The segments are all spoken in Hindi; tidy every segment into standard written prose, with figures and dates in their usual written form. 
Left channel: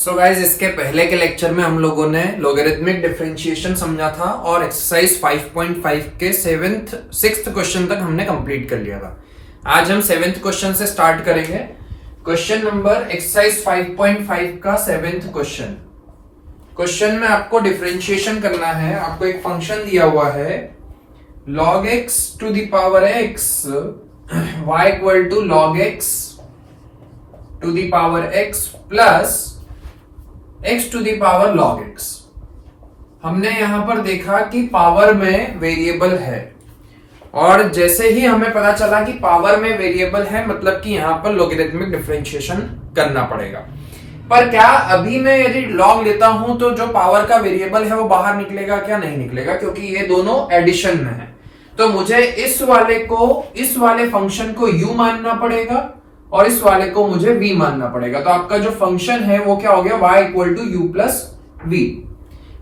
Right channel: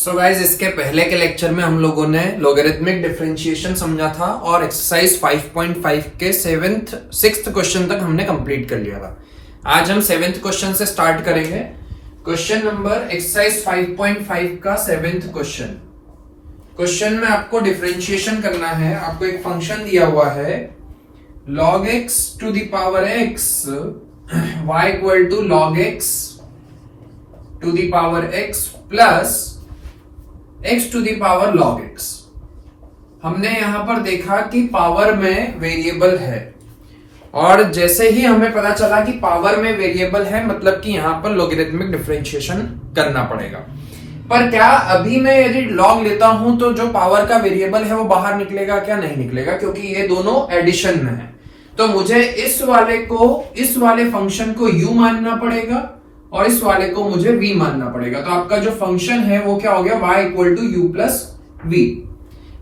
सो गाइज इसके पहले के लेक्चर में हम लोगों ने लॉगरिथमिक डिफरेंशिएशन समझा था और एक्सरसाइज 5.5 के सिक्स्थ क्वेश्चन तक हमने कंप्लीट कर लिया था। आज हम 7th क्वेश्चन से स्टार्ट करेंगे। क्वेश्चन नंबर एक्सरसाइज 5.5 का 7th क्वेश्चन। क्वेश्चन में आपको डिफरेंशिएशन करना है। आपको एक फंक्शन दिया हुआ है log x to the power x y equal to log x to the power x plus x to the power log x। हमने यहां पर देखा कि पावर में वेरिएबल है और जैसे ही हमें पता चला कि पावर में वेरिएबल है मतलब कि यहां पर लॉगरिथमिक डिफरेंशिएशन करना पड़ेगा। पर क्या अभी मैं यदि log लेता हूं तो जो पावर का वेरिएबल है वो बाहर निकलेगा क्या? नहीं निकलेगा, क्योंकि ये दोनों एडिशन में है। तो मुझे इस वाले फंक्शन को u मानना पड़ेगा और इस वाले को मुझे v मानना पड़ेगा। तो आपका जो फंक्शन है वो क्या हो गया? y equal to u plus v.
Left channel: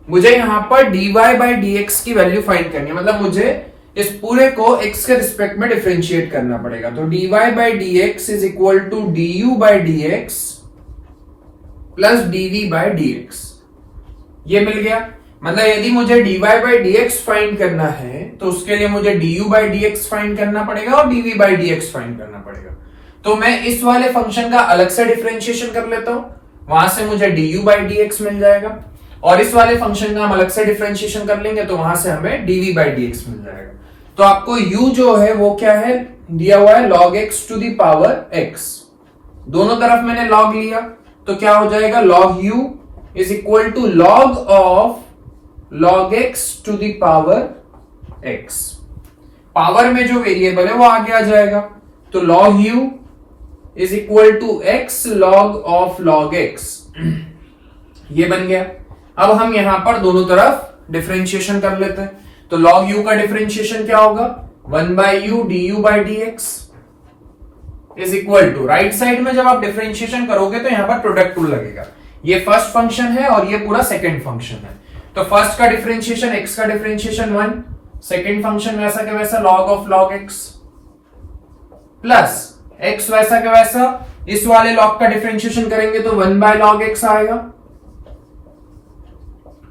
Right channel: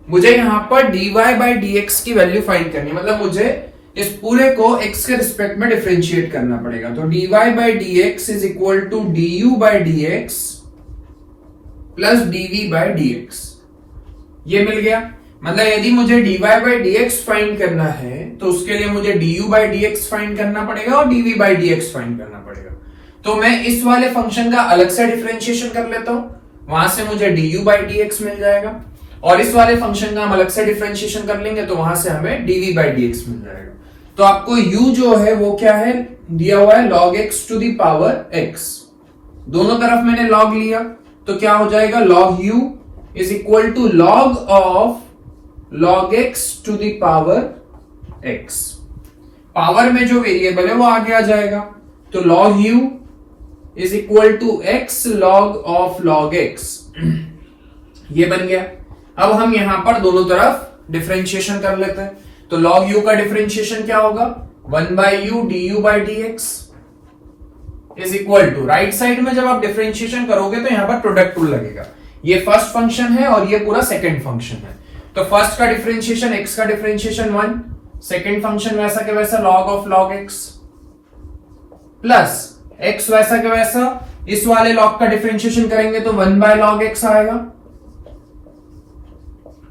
मुझे यहां पर dy बाई dx की वैल्यू फाइंड करनी है, मतलब मुझे इस पूरे को x के रिस्पेक्ट में डिफरेंशिएट करना पड़ेगा। तो dy by dx is equal to du by dx plus dv by dx। ये मिल गया। मतलब यदि मुझे dy बाई dx फाइंड करना है तो उसके लिए मुझे du बाई dx फाइंड करना पड़ेगा और dv बाई dx फाइंड करना पड़ेगा। तो मैं इस वाले फंक्शन का अलग से डिफरेंशिएशन कर लेता हूं, वहां से मुझे du बाई dx मिल जाएगा और इस वाले फंक्शन का हम अलग से डिफरेंशिएशन कर लेंगे तो वहां से हमें dv बाई dx मिल जाएगा। तो आपको u जो है वो क्या है? दिया हुआ है log x to the power x। दोनों तरफ मैंने log लिया तो क्या हो जाएगा? log u is equal to log of log x to the power x। Power में जो वेरिएबल है वो आगे आ जाएगा। तो log u is equal to x log of log x। ये बन गया। अब हम यहां पर दोनों तरफ डिफरेंशिएशन कर लेते हैं। तो log u का डिफरेंशिएशन क्या होगा? 1 by u du by dx is equal to, right side में जब आप डिफरेंशिएशन करोगे तो यहां पर प्रोडक्ट रूल लगेगा। ये फर्स्ट फंक्शन है और ये पूरा सेकंड फंक्शन है। तो फर्स्ट का डिफरेंशिएशन x का डिफरेंशिएशन 1, सेकंड फंक्शन वैसा के वैसा log of log x plus x वैसा के वैसा इस वाले log का डिफरेंशिएशन करेंगे तो 1 बाय log x आएगा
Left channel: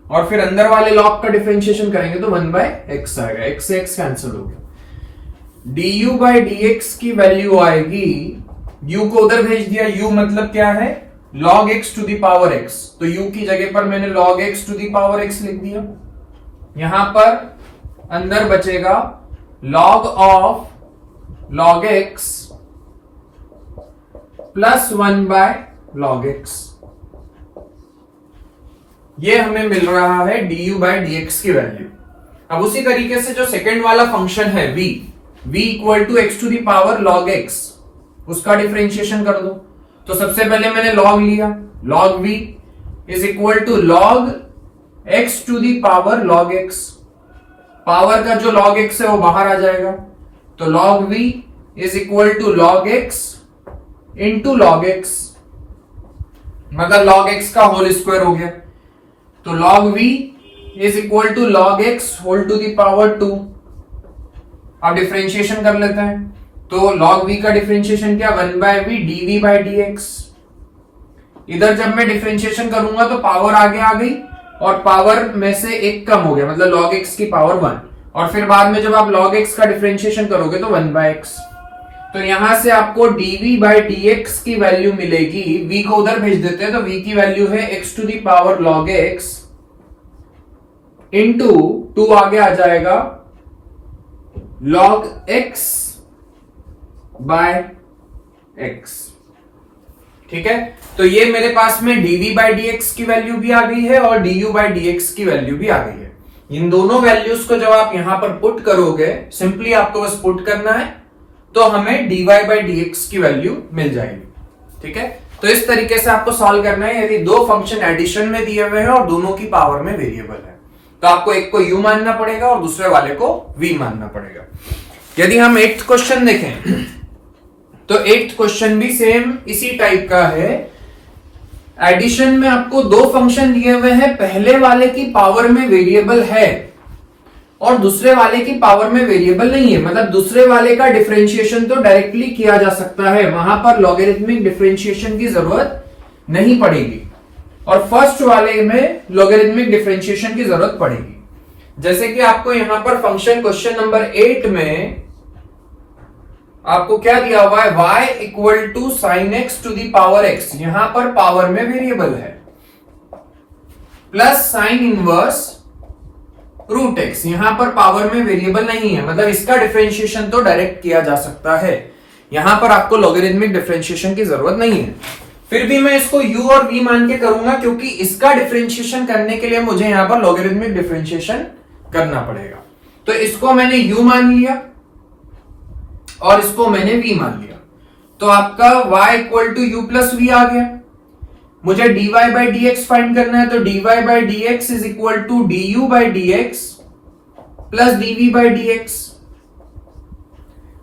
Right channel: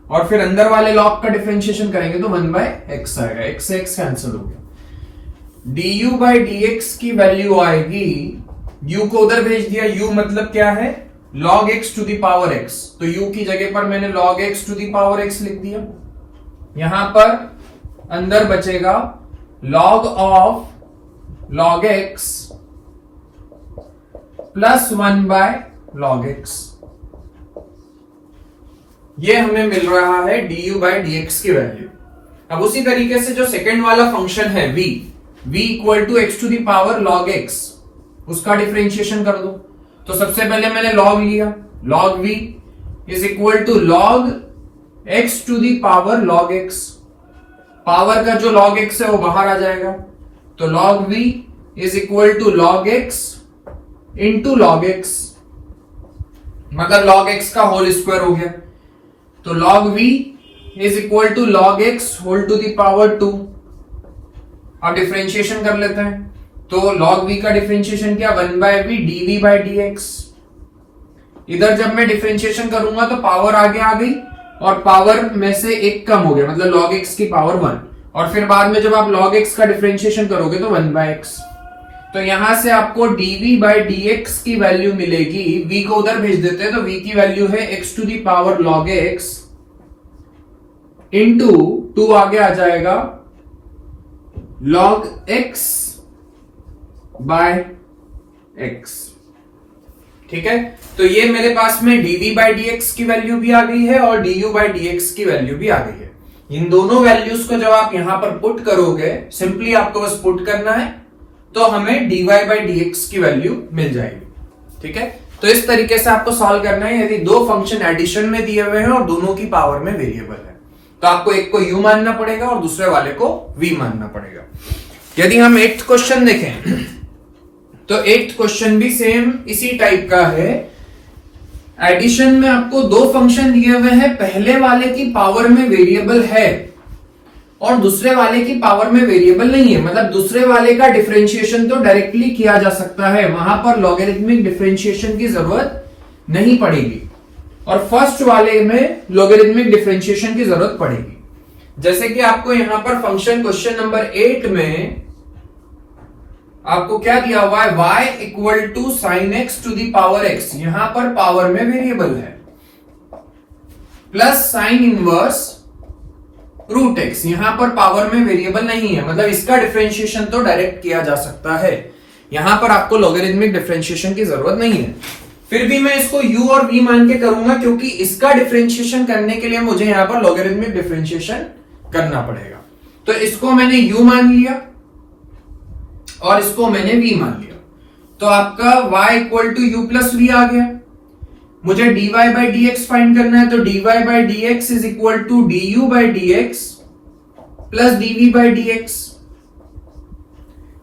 और फिर अंदर वाले log का डिफरेंशिएशन करेंगे तो 1 बाय x आएगा। x से x कैंसिल हो गया। du बाई dx की वैल्यू आएगी, u को उधर भेज दिया। u मतलब क्या है? log x to the power x। तो u की जगह पर मैंने log x to the power x लिख दिया। यहां पर अंदर बचेगा log of log x plus 1 by log x। ये हमें मिल रहा है du बाई dx की वैल्यू। अब उसी तरीके से जो सेकंड वाला फंक्शन है v equal to x to the power log x, उसका डिफरेंशिएशन कर दो। तो सबसे पहले मैंने log लिया, log v is equal to log x to the power log x। Power का जो log x है वो बाहर आ जाएगा। तो log v is equal to log x into log x, मतलब log x का होल स्क्वायर हो गया। तो log v is equal to log x whole to the power 2। अब डिफरेंशिएशन कर लेते हैं। तो log v का डिफरेंशिएशन क्या? 1 by v dv by dx। इधर जब मैं डिफरेंशिएशन करूंगा तो पावर आगे आ गई और पावर में से एक कम हो गया, मतलब log x की पावर 1। और फिर बाद में जब आप log x का डिफरेंशिएशन करोगे तो 1 बाय x। तो यहां से आपको dv बाई dx की वैल्यू मिलेगी। v को उधर भेज देते हैं तो v की वैल्यू है x to the power log x into 2 आगे आ जाएगा log x बाय x। ठीक है, तो ये मेरे पास में dv बाई dx की वैल्यू भी आ गई है और du बाई dx की वैल्यू भी आ गई है। इन दोनों वैल्यूज को जब आप यहां पर पुट करोगे, सिंपली आपको बस पुट करना है तो हमें dy बाई dx की वैल्यू मिल जाएगी। ठीक है, तो इस तरीके से आपको सॉल्व करना है। यदि दो फंक्शन एडिशन में दिए हुए हैं और दोनों की पावर में वेरिएबल है तो आपको एक को u मानना पड़ेगा और दूसरे वाले को v मानना पड़ेगा। यदि हम 8th क्वेश्चन देखें तो 8th क्वेश्चन भी सेम इसी टाइप का है। एडिशन में आपको दो फंक्शन दिए हुए हैं, पहले वाले की पावर में वेरिएबल है और दूसरे वाले की पावर में वेरिएबल नहीं है, मतलब दूसरे वाले का डिफरेंशिएशन तो डायरेक्टली किया जा सकता है, वहां पर लॉगरिथमिक डिफरेंशिएशन की जरूरत नहीं पड़ेगी। और फर्स्ट वाले में लॉगरिथमिक डिफरेंशिएशन की जरूरत पड़ेगी। जैसे कि आपको यहां पर फंक्शन क्वेश्चन नंबर 8 में आपको क्या दिया हुआ है, y equal to sine x to the power x, यहां पर पावर में वेरिएबल है, plus sine inverse root x, यहां पर पावर में वेरिएबल नहीं है, मतलब इसका डिफरेंशिएशन तो डायरेक्ट किया जा सकता है, यहां पर आपको लॉगरिथमिक डिफरेंशिएशन की जरूरत नहीं है। फिर भी मैं इसको u और v मान के करूंगा, क्योंकि इसका डिफरेंशिएशन करने के लिए मुझे यहां पर लॉगरिथमिक डिफरेंशिएशन करना पड़ेगा। तो इसको मैंने u मान लिया और इसको मैंने v मान लिया, तो आपका y equal to u plus v आ गया। मुझे dy by d x find करना है, तो dy by d x is equal to d u by d x plus dv by d x.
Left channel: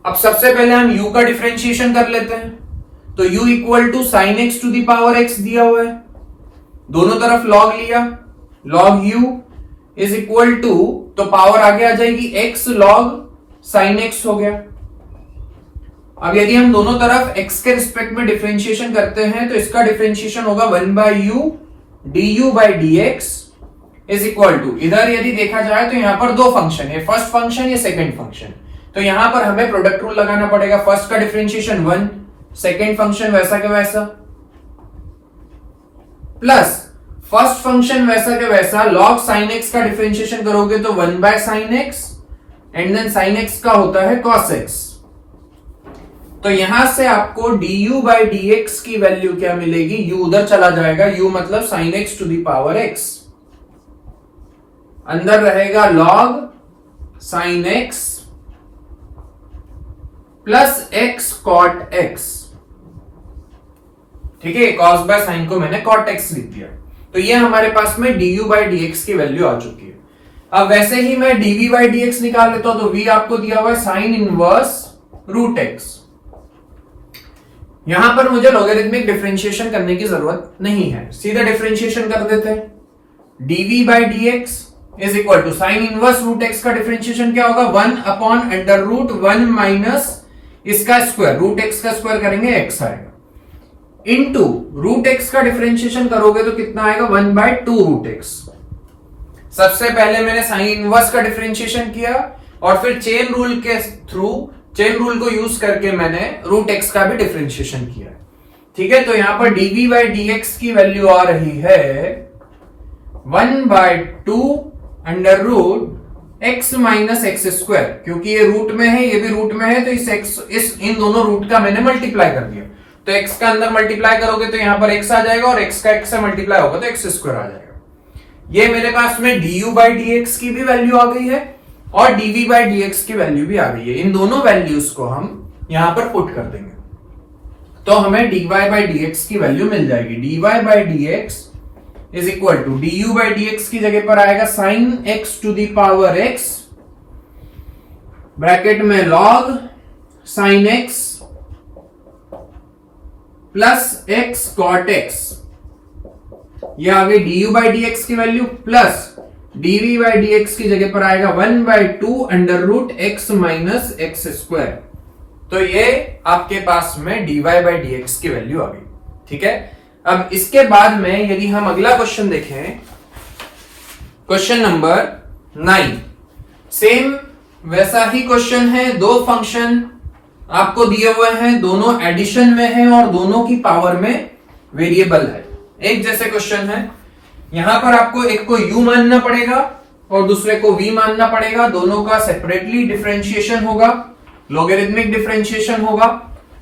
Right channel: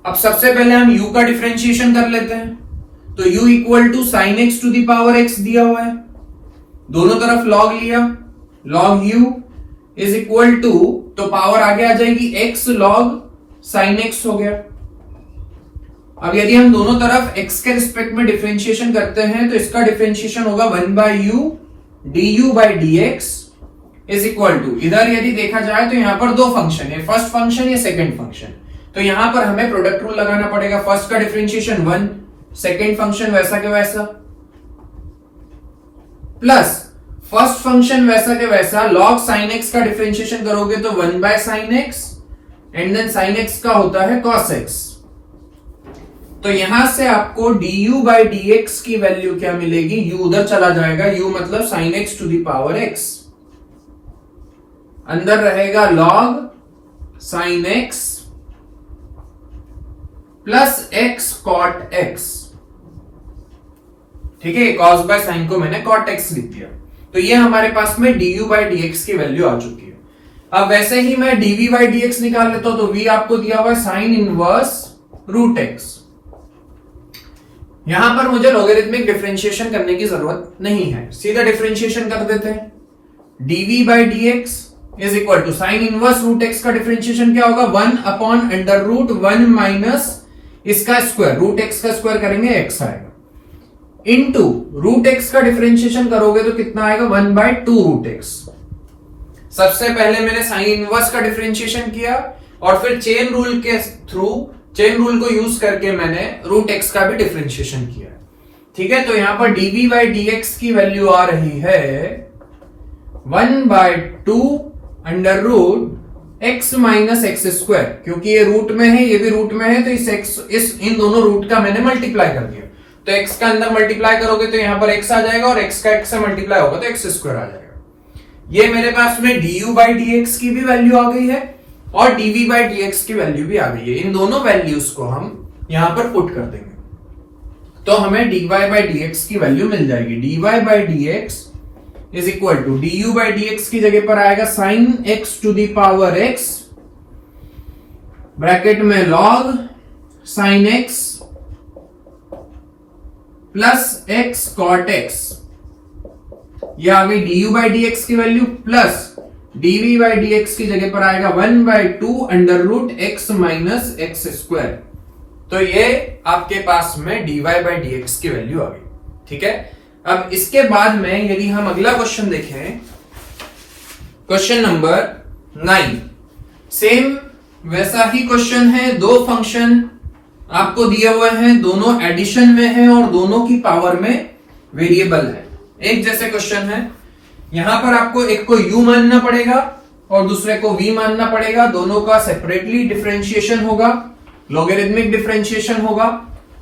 अब सबसे पहले हम u का डिफरेंशिएशन कर लेते हैं, तो u equal to sine x to the power x दिया हुआ है, दोनों तरफ log लिया, log u is equal to, तो पावर आगे आ जाएगी x log साइन x हो गया। अब यदि हम दोनों तरफ x के रिस्पेक्ट में डिफरेंशिएशन करते हैं, तो इसका डिफरेंशिएशन होगा 1 by u d u by d x is equal to, इधर यदि देखा जाए तो यहां पर दो फंक्शन है, फर्स्ट फंक्शन या सेकंड फंक्शन, तो यहां पर हमें प्रोडक्ट रूल लगाना पड़ेगा। फर्स्ट का डिफरेंशिएशन 1, सेकंड फंक्शन वैसा के वैसा, प्लस फर्स्ट फंक्शन वैसा के वैसा log sin x का डिफरेंशिएशन करोगे तो 1 by sin x and then sin x का होता है cos x। तो यहां से आपको du बाई डी एक्स की वैल्यू क्या मिलेगी, u उधर चला जाएगा, u मतलब sin x to the power x, अंदर रहेगा log sin x plus x cot x। ठीक है, cos बाय sin को मैंने cot x लिख दिया, तो ये हमारे पास में du बाई डी एक्स की वैल्यू आ चुकी है। अब वैसे ही मैं dv बाई डी एक्स निकाल लेता हूं, तो v आपको दिया हुआ है साइन इनवर्स रूट एक्स। यहां पर मुझे लॉगरिथमिक डिफरेंशिएशन करने की जरूरत नहीं है, सीधा डिफरेंशिएशन कर देते हैं। dv by d x is equal to sine inverse root x का डिफरेंशिएशन क्या होगा, 1 अपॉन अंडर रूट 1 माइनस इसका स्क्वायर, रूट एक्स का स्क्वायर करेंगे x आएगा, इनटू रूट एक्स का डिफरेंशिएशन करोगे तो कितना आएगा, 1 बाय 2 रूट एक्स। सबसे पहले मैंने साइन इनवर्स का डिफरेंशिएशन किया और फिर चेन रूल के थ्रू, चेन रूल को यूज करके मैंने रूट एक्स का भी डिफरेंशिएशन किया। ठीक है, तो यहां पर dv बाई डी एक्स की वैल्यू आ रही है 1 by 2 under root x minus x square, क्योंकि ये रूट में है ये भी रूट में है, तो इस इन दोनों रूट का मैंने मल्टीप्लाई कर दिया, तो x का अंदर मल्टीप्लाई करोगे तो यहां पर x आ जाएगा और x का x से मल्टीप्लाई होगा तो x स्क्वायर आ जाएगा। ये मेरे पास में du बाई डी एक्स की भी वैल्यू आ गई है और dv बाई डी एक्स की वैल्यू भी आ गई है। इन दोनों वैल्यूज को हम यहां पर पुट कर देंगे, तो हमें dy बाई डी एक्स की वैल्यू मिल जाएगी। dy by d x is equal to du by d x की जगह पर आएगा sine x to the power x, bracket में log sine x plus x cot x, ये आ गई du बाई डी एक्स की value, plus dv by d x की जगह पर आएगा 1 by 2 under root x minus x square, तो ये आपके पास में dy बाई डी एक्स की वैल्यू आ गई। ठीक है, अब इसके बाद में यदि हम अगला क्वेश्चन देखें, क्वेश्चन नंबर 9, सेम वैसा ही क्वेश्चन है, दो फंक्शन आपको दिए हुए हैं, दोनों एडिशन में है और दोनों की पावर में वेरिएबल है, एक जैसे क्वेश्चन है। यहां पर आपको एक को u मानना पड़ेगा और दूसरे को v मानना पड़ेगा, दोनों का सेपरेटली डिफरेंशिएशन होगा, लॉगरिथमिक डिफरेंशिएशन होगा,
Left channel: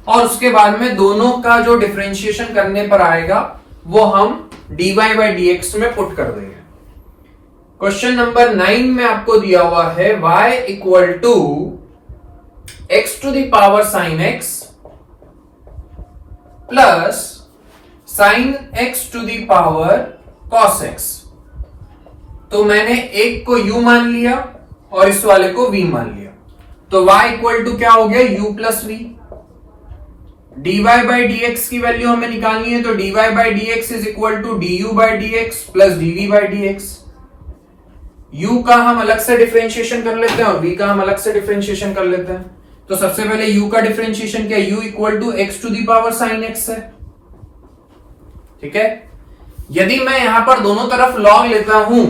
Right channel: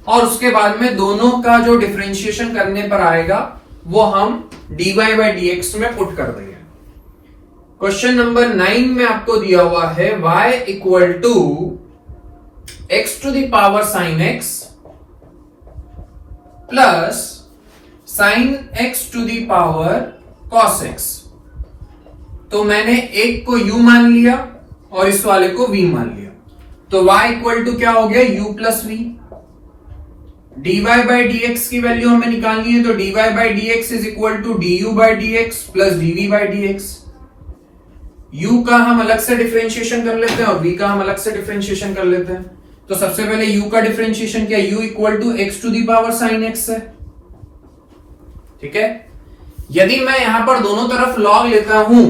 और उसके बाद में दोनों का जो डिफरेंशिएशन करने पर आएगा वो हम dy बाई डी एक्स में पुट कर देंगे। क्वेश्चन नंबर 9 में आपको दिया हुआ है y equal to x to the power साइन x प्लस साइन x to the power cos x। तो मैंने एक को u मान लिया और इस वाले को v मान लिया, तो y इक्वल टू क्या हो गया, u plus v। dy by d x की वैल्यू हमें निकालनी है, तो dy by d x is equal to du by d x plus dv by d x. u का हम अलग से डिफरेंशिएशन कर लेते हैं और v का हम अलग से डिफरेंशिएशन कर लेते हैं। तो सबसे पहले u का डिफरेंशिएशन क्या, u equal to x to the power साइन x है। ठीक है, यदि मैं यहां पर दोनों तरफ log लेता हूं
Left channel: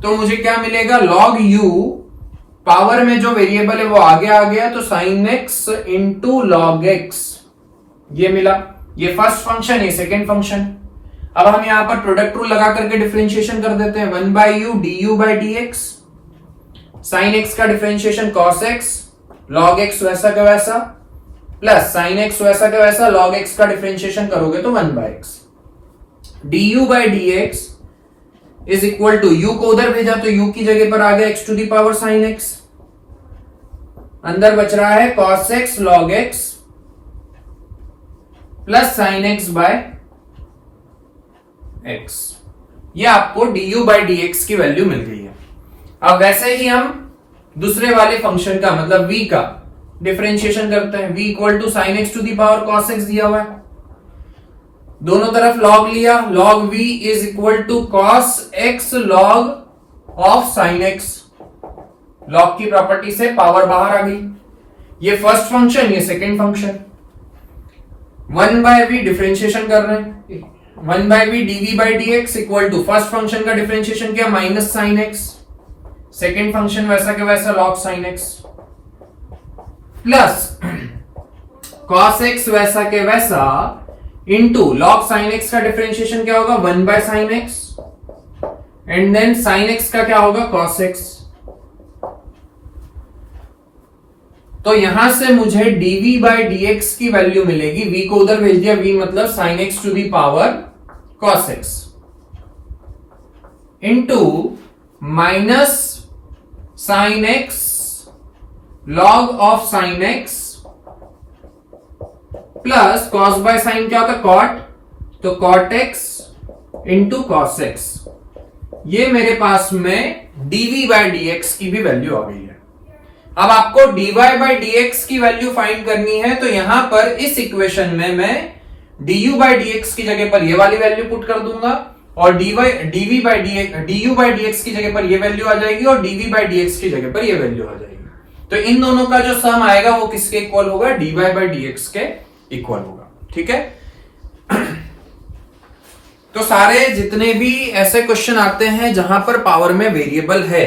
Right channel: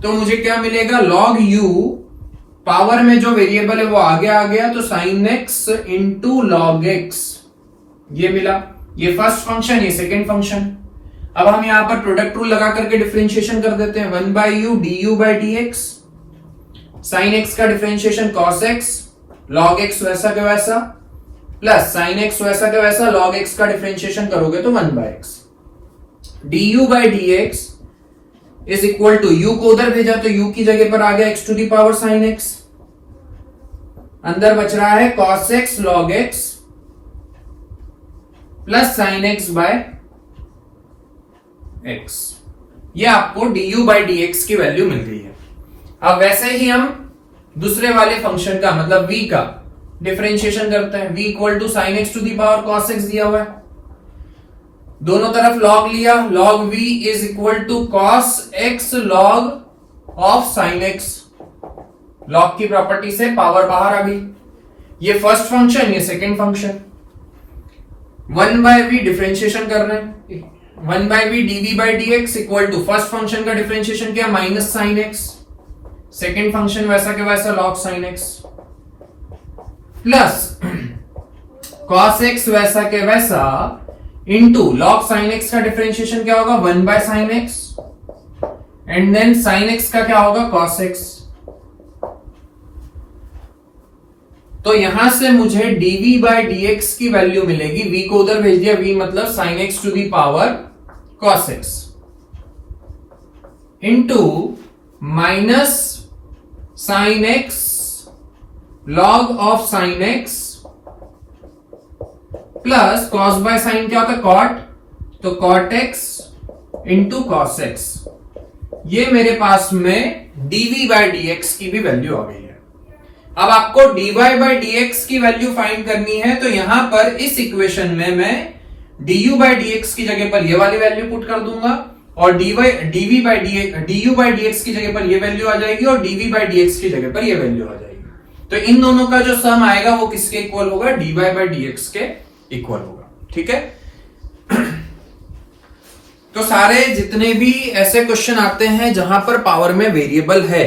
तो मुझे क्या मिलेगा, log u, पावर में जो वेरिएबल है वो आगे आ गया तो sin x into log x, ये मिला। ये फर्स्ट फंक्शन, ये सेकेंड फंक्शन। अब हम यहां पर प्रोडक्ट रूल लगा करके डिफरेंशिएशन कर देते हैं। 1/u du by dx, sin x का differentiation cos x, log x वैसा का वैसा, प्लस sin x वैसा का वैसा, log x का डिफरेंशिएशन करोगे तो 1/x। du by dx is equal to, u को उधर भेजा तो u की जगह पर आ गया x to the power sin x, अंदर बच रहा है cos x log x plus sin x by x। ये आपको du by dx की वैल्यू मिल गई है। अब वैसे ही हम दूसरे वाले फंक्शन का मतलब v का डिफरेंशिएशन करते हैं। v equal to sin x to the power cos x दिया हुआ है, दोनों तरफ log लिया, log v is equal to cos x log of sin x। log की प्रॉपर्टी से पावर बाहर आ गई। ये फर्स्ट फंक्शन, ये सेकेंड फंक्शन। 1/v डिफरेंशिएशन कर रहे हैं, 1/v dv by dx equal to first function का डिफरेंशिएशन किया minus sin x, second function वैसा के वैसा log sin x, plus cos x वैसा के वैसा इंटू log sin x का डिफरेंशिएशन क्या होगा 1/sin x, and then sin x का क्या होगा cos x। तो यहां से मुझे dv by dx की वैल्यू मिलेगी, v को उधर भेज दिया, v मतलब sin x to the power cos x into minus sin x log of sin x plus cos by sin क्या होता है cot, तो cot x इंटू cos x। ये मेरे पास में dv by dx की भी वैल्यू आ गई है। अब आपको dy by dx की वैल्यू फाइंड करनी है, तो यहां पर इस इक्वेशन में मैं du by dx की जगह पर ये वाली वैल्यू पुट कर दूंगा और du by dx की जगह पर ये वैल्यू आ जाएगी और dv by dx की जगह पर ये वैल्यू आ जाएगी। तो इन दोनों का जो सम आएगा वो किसके इक्वल होगा, dy by dx के इक्वल होगा। ठीक है, तो सारे जितने भी ऐसे क्वेश्चन आते हैं जहां पर पावर में वेरिएबल है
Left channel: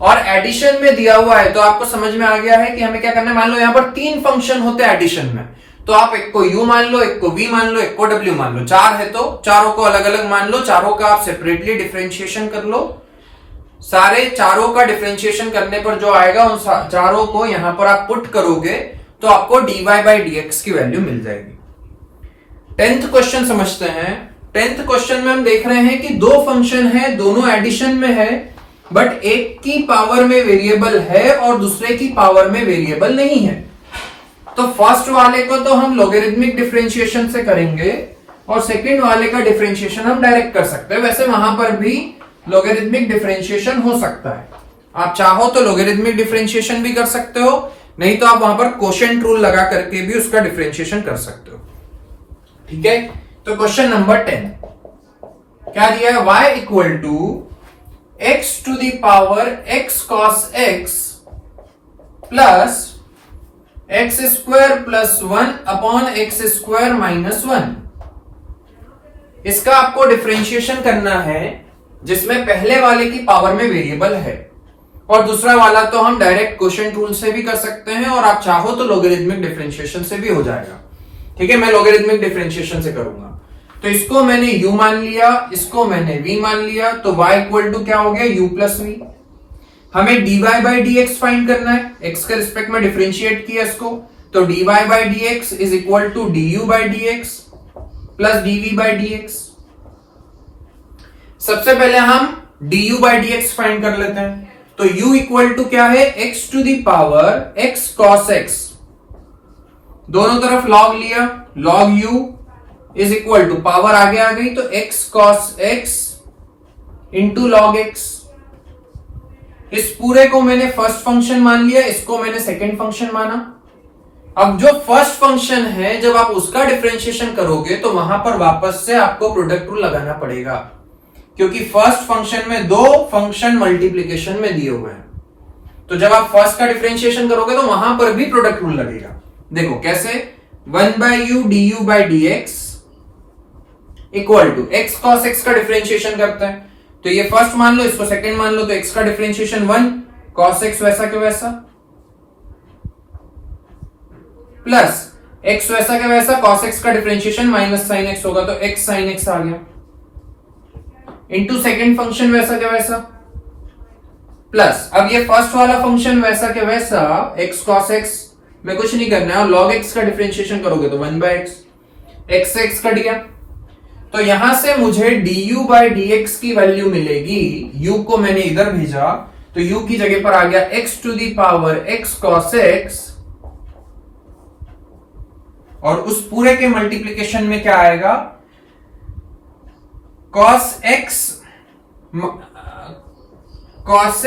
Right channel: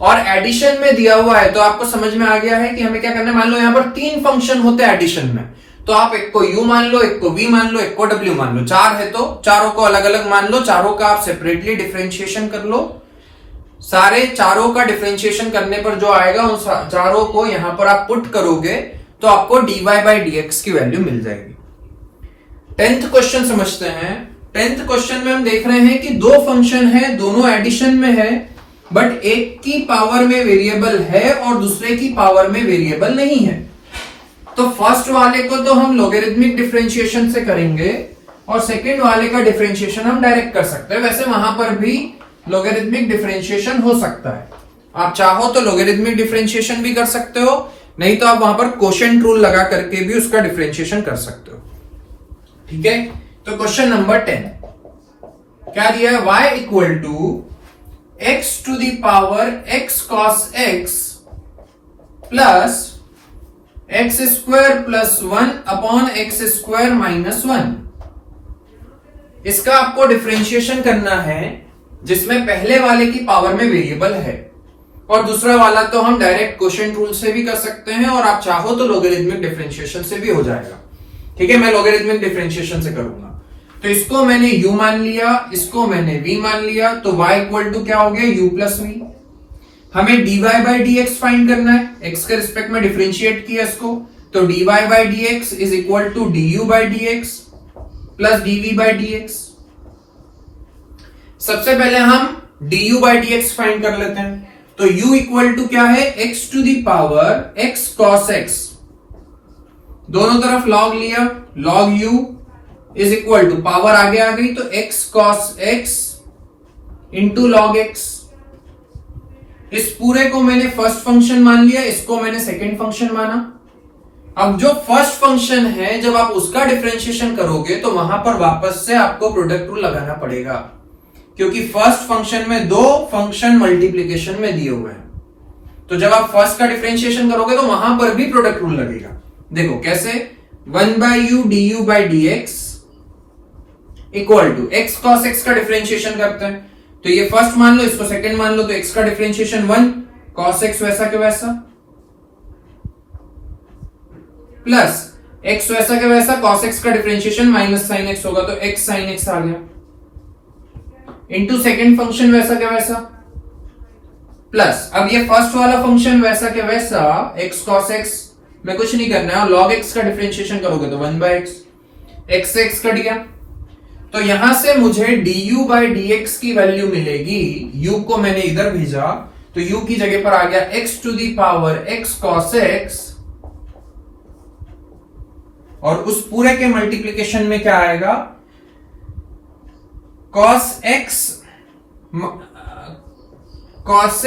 और एडिशन में दिया हुआ है, तो आपको समझ में आ गया है कि हमें क्या करना है। मान लो यहां पर 3 फंक्शन होते हैं एडिशन में, तो आप एक को u मान लो, एक को v मान लो, एक को w मान लो। 4 है तो चारों को अलग अलग मान लो, चारों का आप सेपरेटली डिफरेंशिएशन कर लो। सारे चारों का डिफरेंशिएशन करने पर जो आएगा उन चारों को यहां पर आप पुट करोगे तो आपको dy by dx की वैल्यू मिल जाएगी। 10th क्वेश्चन समझते हैं। 10th क्वेश्चन में हम देख रहे हैं कि 2 फंक्शन है, दोनों एडिशन में है, बट एक की पावर में वेरिएबल है और दूसरे की पावर में वेरिएबल नहीं है। तो फर्स्ट वाले को तो हम लॉगरिथमिक डिफरेंशिएशन से करेंगे और सेकंड वाले का डिफरेंशिएशन हम डायरेक्ट कर सकते हैं। वैसे वहां पर भी लॉगरिथमिक डिफरेंशिएशन हो सकता है, आप चाहो तो लॉगरिथमिक डिफरेंशिएशन भी कर सकते हो, नहीं तो आप वहां पर कोशेंट रूल लगा करके भी उसका डिफरेंशिएशन कर सकते हो। ठीक है, तो क्वेश्चन नंबर 10 क्या दिया है, y equal to x to the power x cos x plus x square plus 1 upon x square minus 1। इसका आपको डिफरेंशिएशन करना है जिसमें पहले वाले की पावर में वेरिएबल है और दूसरा वाला तो हम डायरेक्ट क्वोशिएंट रूल से भी कर सकते हैं और आप चाहो तो लॉगरिथमिक डिफरेंशिएशन से भी हो जाएगा। ठीक है, मैं लॉगरिथमिक डिफरेंशिएशन से करूंगा। तो इसको मैंने u मान लिया, इसको मैंने v मान लिया, तो y इक्वल टू क्या हो गया u प्लस v। हमें dy by dx फाइंड करना है, x के रिस्पेक्ट में डिफरेंशिएट किया इसको, तो dy by dx is equal to du by dx plus dv by dx। सबसे पहले हम du by dx फाइंड कर लेते हैं, तो u इक्वल टू क्या है x to the power x cos x, दोनों तरफ log लिया, log u is equal to power आगे आ गई तो x cos x into log x। इस पूरे को मैंने फर्स्ट फंक्शन मान लिया, इसको मैंने सेकेंड फंक्शन माना। अब जो फर्स्ट फंक्शन है जब आप उसका डिफरेंशिएशन करोगे तो वहां पर वापस से आपको प्रोडक्ट रूल लगाना पड़ेगा, क्योंकि फर्स्ट फंक्शन में 2 फंक्शन मल्टीप्लीकेशन में दिए हुए हैं। तो जब आप फर्स्ट का डिफरेंशिएशन करोगे तो वहां पर भी प्रोडक्ट रूल लगेगा। देखो कैसे, 1/u du by dx equal to x cos x का डिफरेंशिएशन करते हैं, तो ये फर्स्ट मान लो, इसको सेकंड मान लो, तो x का डिफरेंशिएशन 1 cos x वैसा के वैसा प्लस x वैसा के वैसा cos x का डिफरेंशिएशन माइनस sin x होगा, तो x sin x आ गया, इनटू सेकंड फंक्शन वैसा के वैसा प्लस अब ये फर्स्ट वाला फंक्शन वैसा के वैसा x cos x में कुछ नहीं करना है, और log x का डिफरेंशिएशन करोगे तो 1/x, x से x कट गया, तो यहां से मुझे du by dx की वैल्यू मिलेगी, u को मैंने इधर भेजा तो u की जगह पर आ गया x to the power x cos x, और उस पूरे के मल्टीप्लीकेशन में क्या आएगा, cos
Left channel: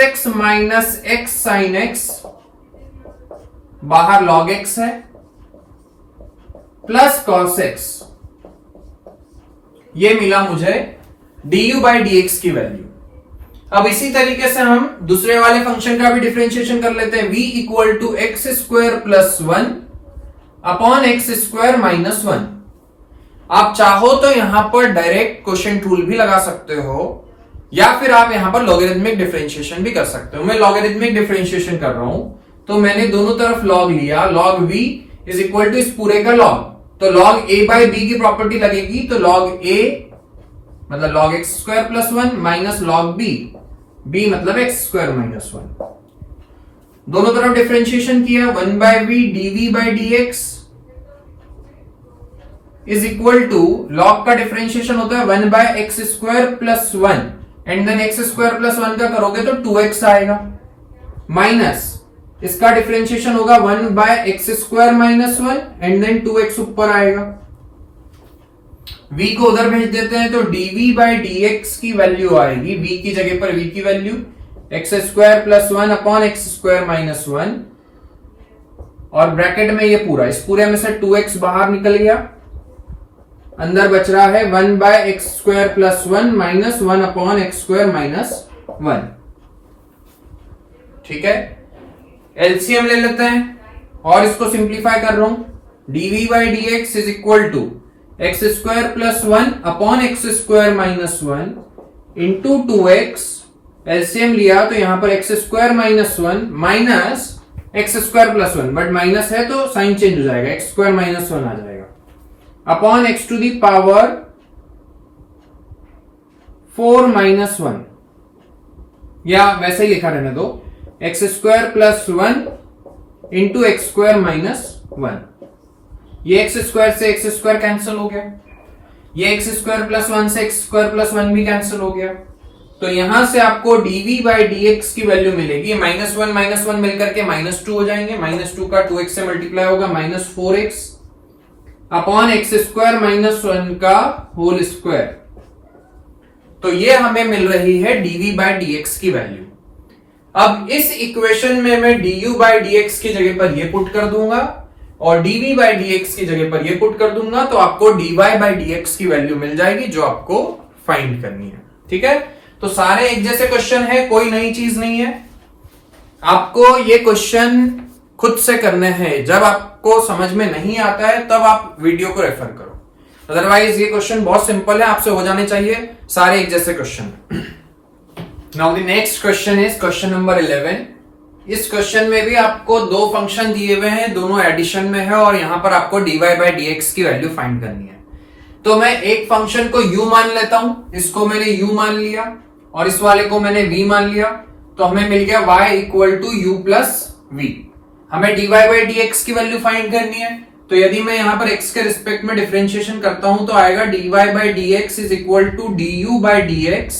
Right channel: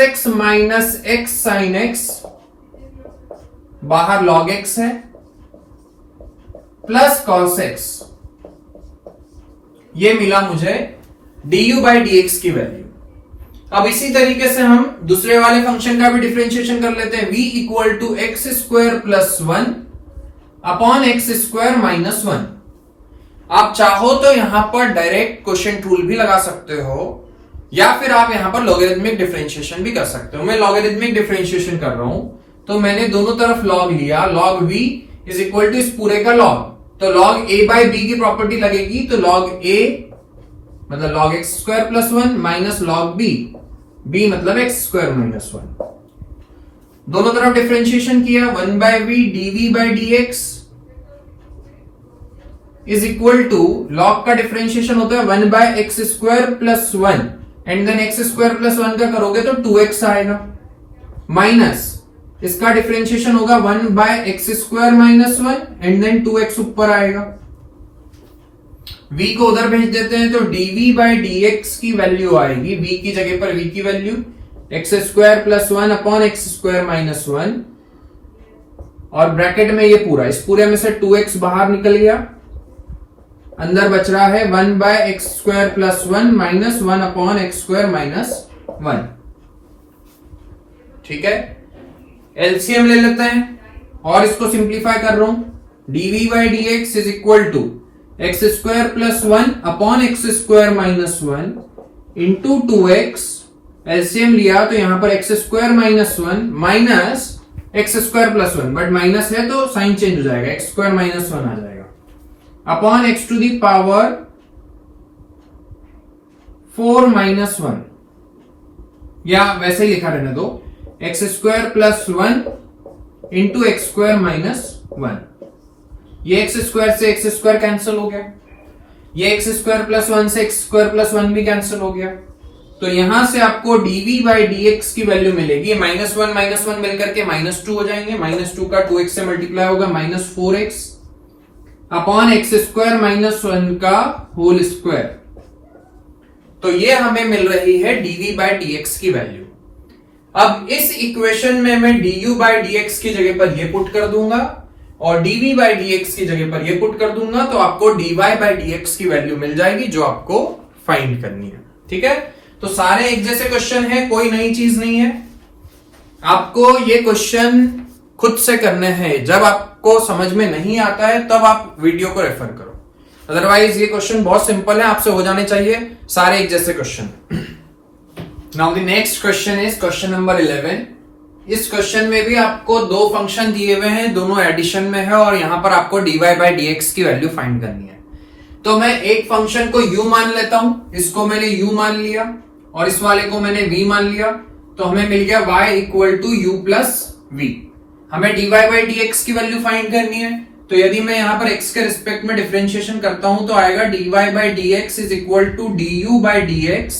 x minus x sin x, बाहर log x है, प्लस cos x, ये मिला मुझे du by dx की वैल्यू। अब इसी तरीके से हम दूसरे वाले फंक्शन का भी डिफरेंशिएशन कर लेते हैं, v equal to x square plus 1 upon x square minus 1। आप चाहो तो यहां पर डायरेक्ट क्वोशिएंट रूल भी लगा सकते हो, या फिर आप यहां पर लॉगरिथमिक डिफरेंशिएशन भी कर सकते हो। मैं लॉगरिथमिक डिफरेंशिएशन कर रहा हूं, तो मैंने दोनों तरफ log लिया, log v is equal to इस पूरे का log, तो log a बाई b की प्रॉपर्टी लगेगी, तो log a मतलब log x square plus 1 minus log b मतलब x स्क्वायर माइनस 1। दोनों तरफ डिफरेंशिएशन किया, 1/v dv by dx is equal to log का डिफरेंशिएशन होता है 1/x square plus 1 and then x square plus 1 का करोगे तो 2x आएगा, माइनस इसका डिफरेंशिएशन होगा 1/x square minus 1 and then 2x ऊपर आएगा, v को उधर भेज देते हैं, तो dv बाई dx की वैल्यू आएगी, v की जगह पर v की value x square plus 1 upon x square minus 1, और ब्रैकेट में ये पूरा, इस पूरे में से 2x बाहर निकल गया, अंदर बच रहा है 1/x square plus 1 minus 1 upon x square minus 1। ठीक है, एलसीएम ले लेते हैं और इसको सिंप्लीफाई कर रहा हूं, dv by dx is equal to x square plus 1 upon x square minus 1 into 2x, LCM लिया तो यहां पर x square minus 1 minus x square plus 1, but minus है तो साइन चेंज हो जाएगा, एक्स स्क्वायर माइनस 1 आ जाएगा, upon x to the power 4 minus 1, या वैसे ही लिखा रहने दो, x square plus 1 into x square minus 1। ये एक्स स्क्वायर से एक्स स्क्वायर कैंसिल हो गया, ये एक्स स्क्वायर प्लस 1 से एक्स स्क्वायर प्लस 1 भी कैंसिल हो गया, तो यहां से आपको dv बाई dx की वैल्यू मिलेगी, माइनस 1 मिलकर के माइनस 2 हो जाएंगे, माइनस 2 का 2x से मल्टीप्लाई होगा, minus 4x upon x square minus 1 का होल स्क्वायर, तो ये हमें मिल रही है dv बाई dx की वैल्यू। अब इस इक्वेशन में मैं du बाई dx की जगह पर ये पुट कर दूंगा और dv बाई dx की जगह पर ये पुट कर दूंगा, तो आपको dy बाई dx की वैल्यू मिल जाएगी जो आपको फाइंड करनी है। ठीक है, तो सारे एक जैसे क्वेश्चन है, कोई नई चीज नहीं है, आपको ये क्वेश्चन खुद से करने हैं, जब आपको समझ में नहीं आता है तब आप वीडियो को रेफर करो, अदरवाइज ये क्वेश्चन बहुत सिंपल है, आपसे हो जाने चाहिए सारे एक जैसे question. Now the next question is question number 11। इस क्वेश्चन में भी आपको दो फंक्शन दिए हुए हैं, दोनों एडिशन में है, और यहां पर आपको dy बाई dx की वैल्यू फाइंड करनी है। तो मैं एक फंक्शन को u मान लेता हूं, इसको मैंने u मान लिया और इस वाले को मैंने v मान लिया, तो हमें मिल गया y equal to u plus v। हमें dy बाई dx की वैल्यू फाइंड करनी है, तो यदि मैं यहां पर x के रिस्पेक्ट में डिफरेंशिएशन करता हूं तो आएगा dy by dx is equal to du by dx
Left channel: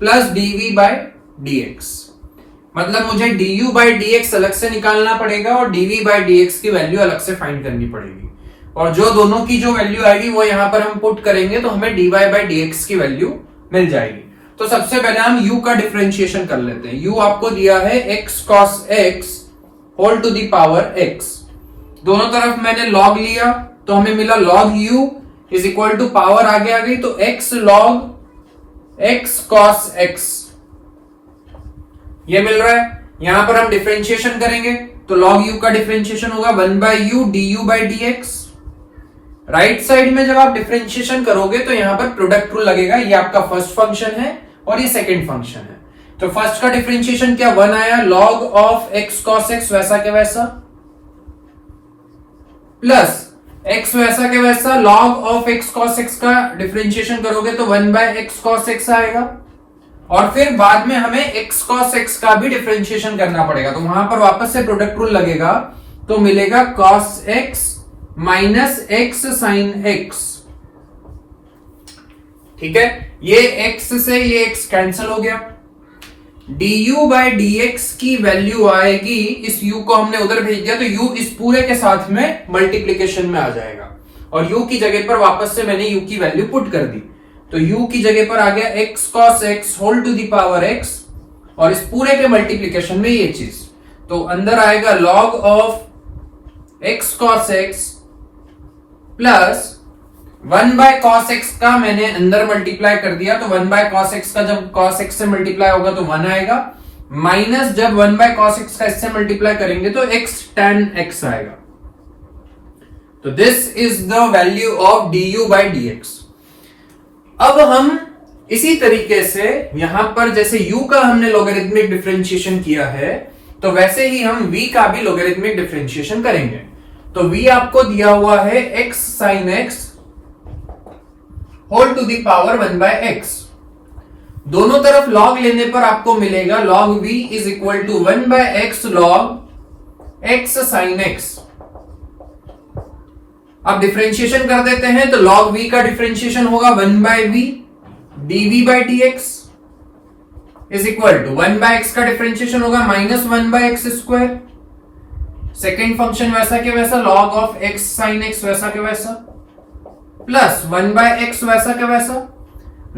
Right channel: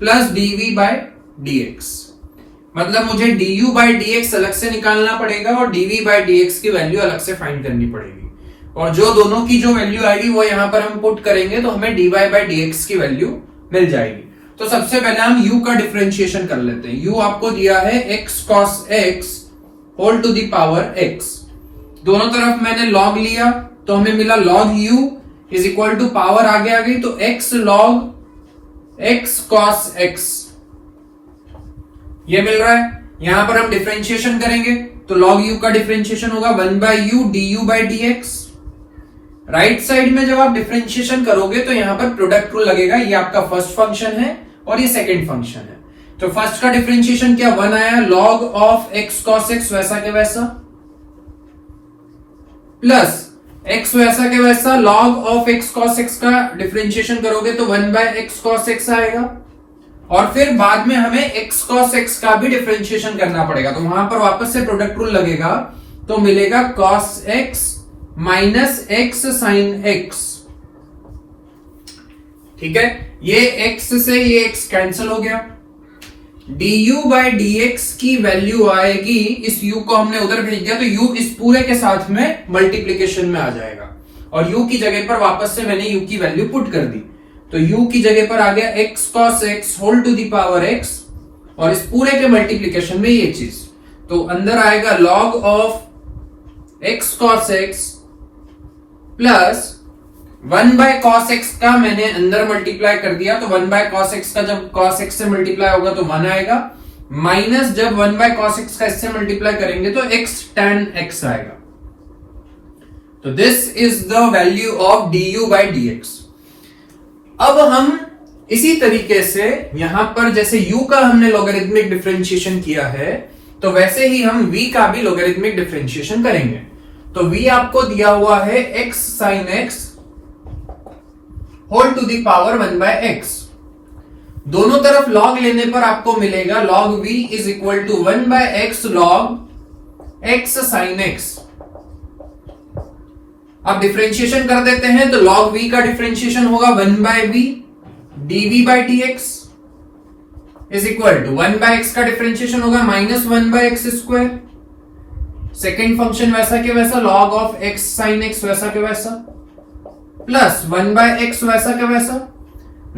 plus dv by dx। मतलब मुझे du बाई dx अलग से निकालना पड़ेगा और dv बाई dx की वैल्यू अलग से फाइंड करनी पड़ेगी, और जो दोनों की जो वैल्यू आएगी वो यहां पर हम पुट करेंगे तो हमें dy बाई dx की वैल्यू मिल जाएगी। तो सबसे पहले हम u का डिफरेंशिएशन कर लेते हैं। u आपको दिया है x cos x whole to the power x, दोनों तरफ मैंने log लिया तो हमें मिला log u is equal to power आगे आ गई तो x log x cos x, ये मिल रहा है। यहां पर हम डिफरेंशिएशन करेंगे तो log u का डिफरेंशिएशन होगा 1/u du by dx right side में जब आप डिफरेंशिएशन करोगे तो यहां पर प्रोडक्ट रूल लगेगा। ये आपका फर्स्ट फंक्शन है और ये सेकंड फंक्शन है। तो फर्स्ट का डिफरेंशिएशन क्या 1 आया, log of x cos x वैसा के वैसा, प्लस x वैसा के वैसा log of x cos x का डिफरेंशिएशन करोगे तो 1/x cos x आएगा। और फिर बाद में हमें x cos x का भी डिफरेंशिएशन करना पड़ेगा, तो वहां पर वापस से प्रोडक्ट रूल लगेगा, तो मिलेगा cos x minus x sin x। ठीक है, ये x से ये x कैंसिल हो गया। du बाई dx की वैल्यू आएगी, इस u को हमने उधर भेज दिया तो u इस पूरे के साथ में मल्टीप्लीकेशन में आ जाएगा, और u की जगह पर वापस से मैंने u की वैल्यू पुट कर दी, तो u की जगह पर आ गया x cos x whole to the power x, और इस पूरे के मल्टीप्लीकेशन में ये चीज, तो अंदर आएगा log of x cos x plus 1/cos x का मैंने अंदर मल्टीप्लाई कर दिया, तो 1/cos x का जब cos x से मल्टीप्लाई होगा तो 1 आएगा, माइनस जब 1/cos x का इससे मल्टीप्लाई करेंगे तो x tan x आएगा। तो this is the value of du by dx। अब हम इसी तरीके से यहां पर जैसे u का हमने लॉगरिथमिक डिफरेंशिएशन किया है, तो वैसे ही हम v का भी लॉगरिथमिक डिफरेंशिएशन करेंगे। तो v आपको दिया हुआ है x sin x whole to the power 1/x। दोनों तरफ log लेने पर आपको मिलेगा log v is equal to 1/x log x sin x। अब डिफरेंशिएशन कर देते हैं, तो log v का डिफरेंशिएशन होगा 1/v dv by dx is equal to 1/x का डिफरेंशिएशन होगा minus 1/x square. Second function वैसा के वैसा log of x sin x वैसा के वैसा, प्लस 1/x वैसा का वैसा,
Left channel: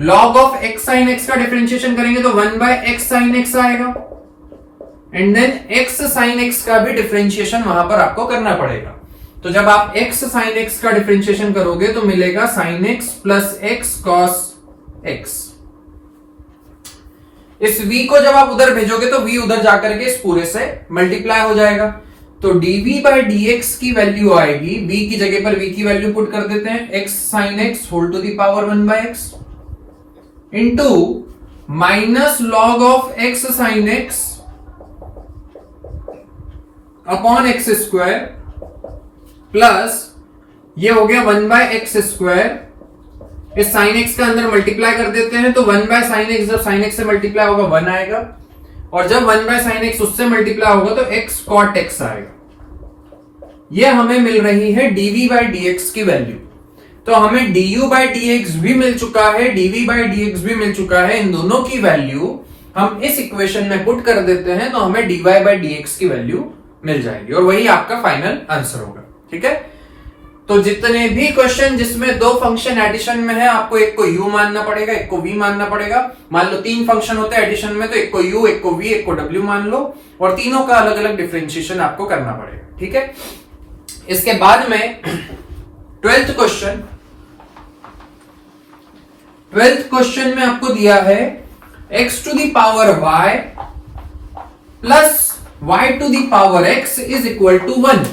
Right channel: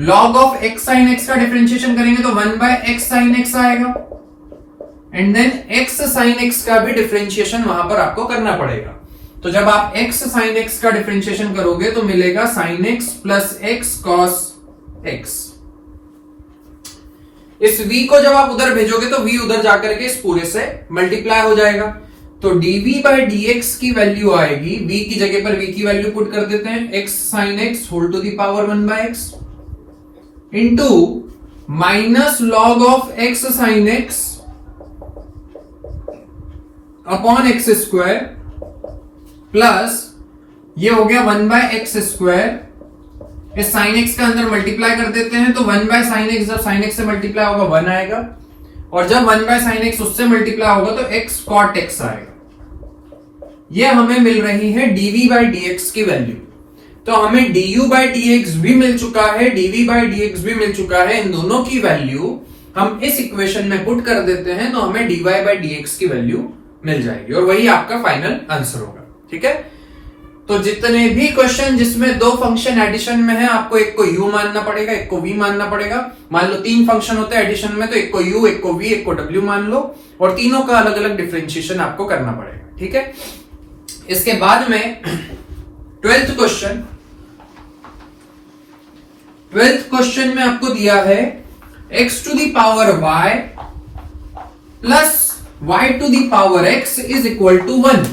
log of x sin x का डिफरेंशिएशन करेंगे तो 1/x sin x आएगा, and then x sin x का भी डिफरेंशिएशन वहां पर आपको करना पड़ेगा। तो जब आप x sin x का डिफरेंशिएशन करोगे तो मिलेगा sin x plus x cos x। इस v को जब आप उधर भेजोगे तो v उधर जाकर के इस पूरे से मल्टीप्लाई हो जाएगा, तो dv बाई dx की वैल्यू आएगी, v की जगह पर v की वैल्यू पुट कर देते हैं, x sin x whole to the power 1/x into minus log of x sin x upon x square, plus ये हो गया 1/x स्क्वायर, इस sin x का अंदर मल्टीप्लाई कर देते हैं, तो 1/sin x जब sin x से मल्टीप्लाई होगा 1 आएगा, और जब 1/sin x उससे मल्टीप्लाई होगा तो x cot x आएगा। ये हमें मिल रही है dv बाई dx की वैल्यू। तो हमें du बाई dx भी मिल चुका है, dv बाई dx भी मिल चुका है। इन दोनों की वैल्यू हम इस इक्वेशन में पुट कर देते हैं, तो हमें dy बाई dx की वैल्यू मिल जाएगी, और वही आपका फाइनल आंसर होगा। ठीक है, तो जितने भी क्वेश्चन जिसमें दो फंक्शन एडिशन में है, आपको एक को u मानना पड़ेगा, एक को v मानना पड़ेगा। मान लो 3 फंक्शन होते हैं एडिशन में, तो एक को u, एक को v, एक को w मान लो, और तीनों का अलग अलग डिफरेंशिएशन आपको करना पड़ेगा। ठीक है, इसके बाद में 12th क्वेश्चन में आपको दिया है x to the power y plus y to the power x is equal to 1,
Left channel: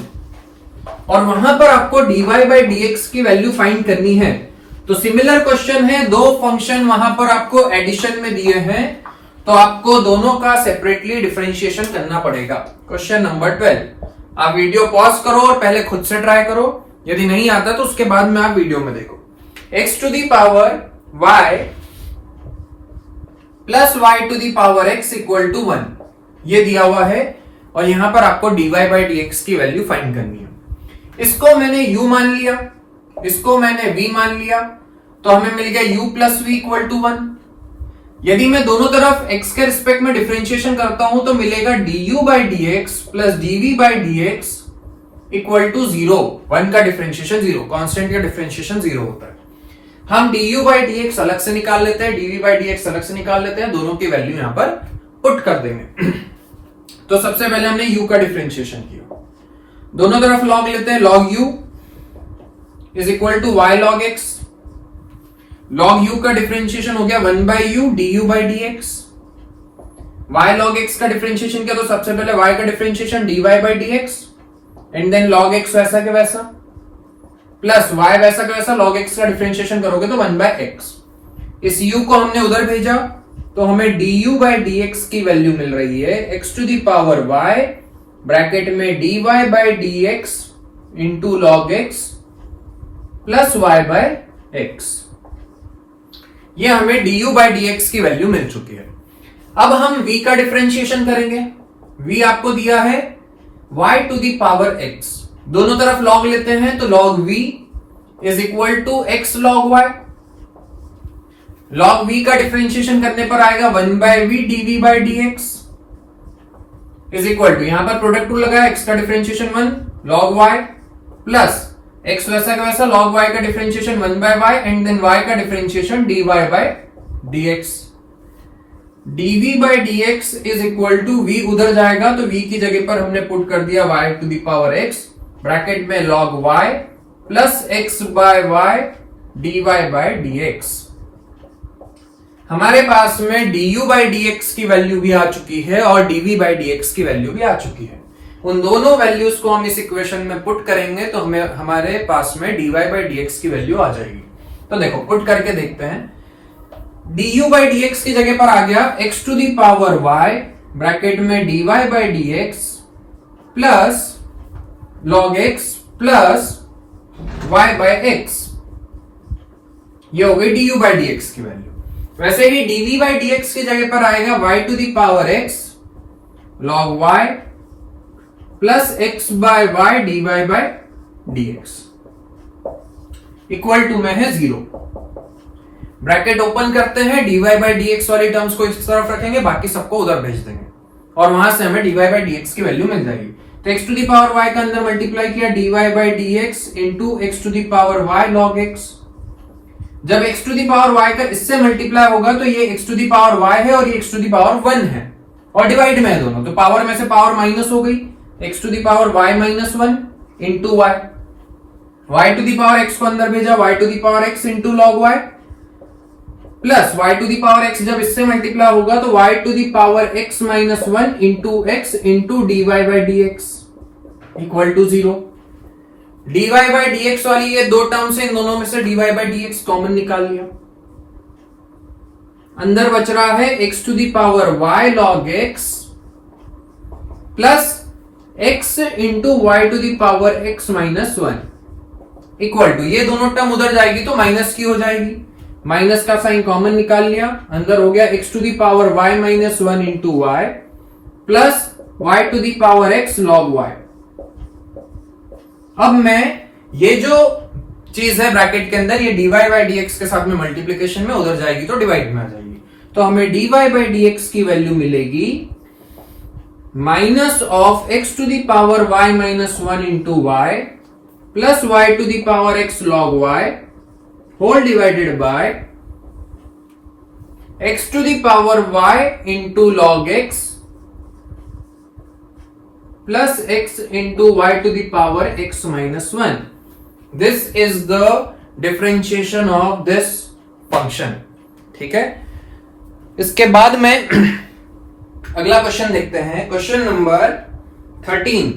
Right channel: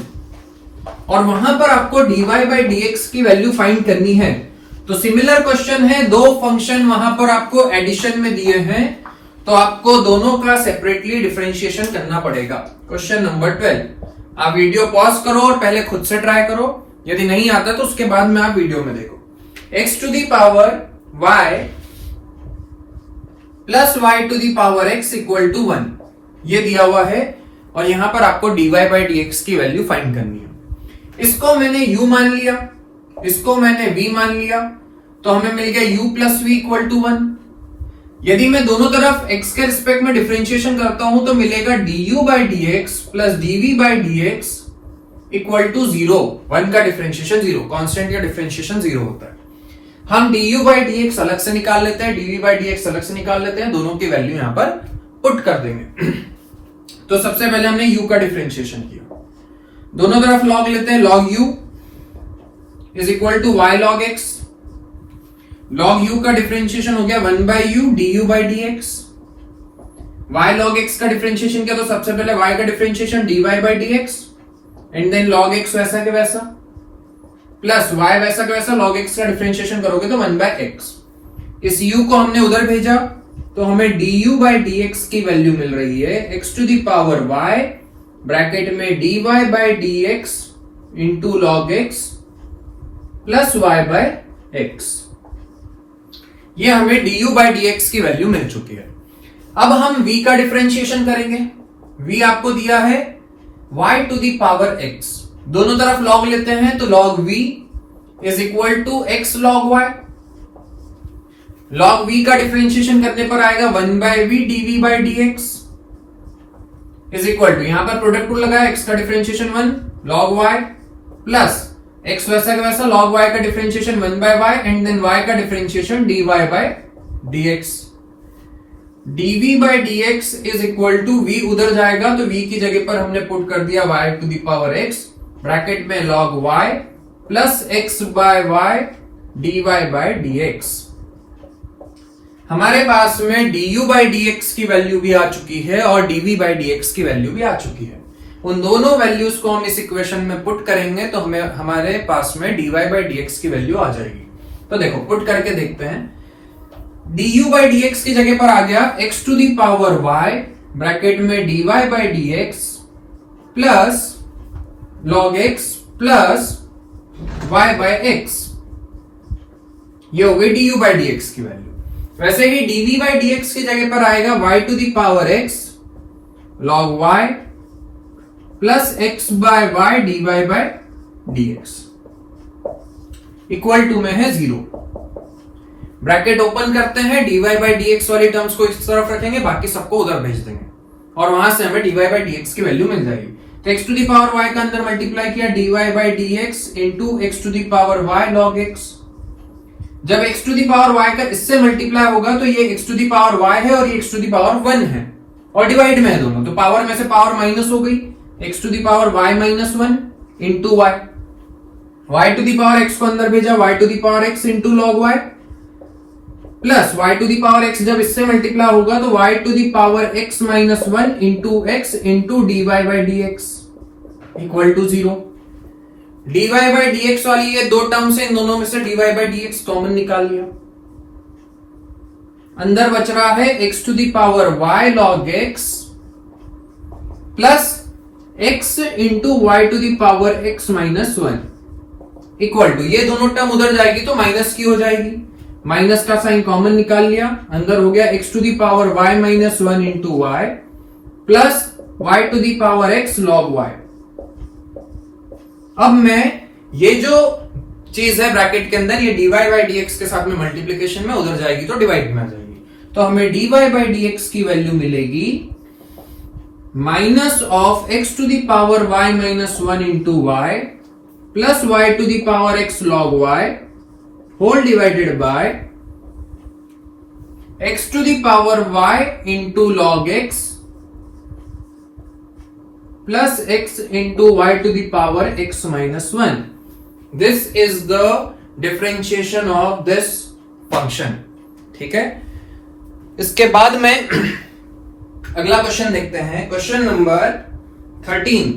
और वहां पर आपको dy बाई dx की वैल्यू फाइंड करनी है। तो सिमिलर क्वेश्चन है, दो फंक्शन वहां पर आपको एडिशन में दिए हैं, तो आपको दोनों का सेपरेटली डिफरेंशिएशन करना पड़ेगा। क्वेश्चन नंबर 12, आप वीडियो पॉज करो और पहले खुद से ट्राई करो, यदि नहीं आता तो उसके बाद में आप वीडियो में देखो। x to the power y plus y to the power x equal to 1 ये दिया हुआ है, और यहां पर आपको dy बाई dx की वैल्यू फाइंड करनी है। इसको मैंने u मान लिया, इसको मैंने v मान लिया, तो हमें मिल गया u plus v equal to 1। यदि मैं दोनों तरफ x के रिस्पेक्ट में डिफरेंशिएशन करता हूं तो मिलेगा du by dx plus dv by dx equal to 0। 1 का डिफरेंशिएशन 0, कांस्टेंट का डिफरेंशिएशन 0 होता है। हम du बाई dx अलग से निकाल लेते हैं, dv बाई dx अलग से निकाल लेते हैं, दोनों की वैल्यू यहां पर पुट कर देंगे। तो सबसे पहले हमने u का डिफरेंशिएशन किया, दोनों तरफ log लेते हैं, log u is equal to y log x। log u का डिफरेंशिएशन हो गया 1/u du by dx। y log x का डिफरेंशिएशन किया, तो सबसे पहले y का differentiation dy by dx, and then log x वैसा के वैसा, प्लस y वैसा का वैसा log x का डिफरेंशिएशन करोगे तो 1/x। इस u को हमने उधर भेजा तो हमें du/dx की वैल्यू मिल रही है x to the power y bracket में dy/dx into log x plus y/x। ये हमें du/dx की वैल्यू मिल चुकी है। अब हम v का डिफरेंशिएशन करेंगे। v आपको दिया है y to the power x, दोनों तरफ log लेते हैं तो log v is equal to x log y। log v का डिफरेंशिएशन करने पर आएगा 1/v dv/dx is equal to, यहां पर प्रोडक्ट रूल लगाया, x का differentiation 1 log y plus x वैसा का वैसा log y का differentiation 1/y and then y का differentiation dy/dx। dv/dx is equal to v उधर जाएगा तो v की जगह पर हमने पुट कर दिया y to the power x bracket में log y plus x/y dy/dx। हमारे पास में du/dx की वैल्यू भी आ चुकी है और dv/dx की वैल्यू भी आ चुकी है। उन दोनों वैल्यूज को हम इस इक्वेशन में पुट करेंगे तो हमें हमारे पास में dy/dx की वैल्यू आ जाएगी। तो देखो पुट करके देखते हैं। du/dx की जगह पर आ गया x to the power y bracket में dy/dx plus log x plus y/x। ये हो गई du/dx की वैल्यू। वैसे ही dv/dx की जगह पर आएगा y to the power x log y plus x/y dy/dx equal to में है 0। ब्रैकेट ओपन करते हैं, dy/dx वाली टर्म्स को इस तरफ रखेंगे, बाकी सबको उधर भेज देंगे और वहां से हमें dy/dx की वैल्यू मिल जाएगी। तो x to the power y का अंदर मल्टीप्लाई किया dy/dx into x to the power y log x। जब x to the power y का इससे मल्टीप्लाई होगा तो ये x to the power y है और ये x टू द पावर 1 है और डिवाइड में है दोनों, तो पावर में से पावर माइनस हो गई, x to the power y minus 1 into y to the power x को अंदर भेजा y to the power x into log y plus y to the power x जब इससे मल्टीप्लाई होगा तो y to the power x minus 1 into x into dy/dx equal to 0। dy/dx वाली ये दो टर्म से इन दोनों में से dy/dx कॉमन निकाल लिया, अंदर बच रहा है x to the power y log x plus x into y to the power x minus 1 equal to, ये दोनों टर्म उधर जाएगी तो माइनस की हो जाएगी, माइनस का साइन कॉमन निकाल लिया, अंदर हो गया x to the power y minus 1 into y plus y to the power x log y। अब मैं ये जो चीज है ब्रैकेट के अंदर ये dy/dx के साथ में मल्टीप्लीकेशन में उधर जाएगी तो डिवाइड में आ जाएगी, तो हमें dy/dx की वैल्यू मिलेगी minus of x to the power y minus 1 into y plus y to the power x log y whole divided by x to the power y into log x plus x into y to the power x minus 1। This is the differentiation of this function. ठीक है, इसके बाद में अगला क्वेश्चन देखते हैं, क्वेश्चन नंबर 13।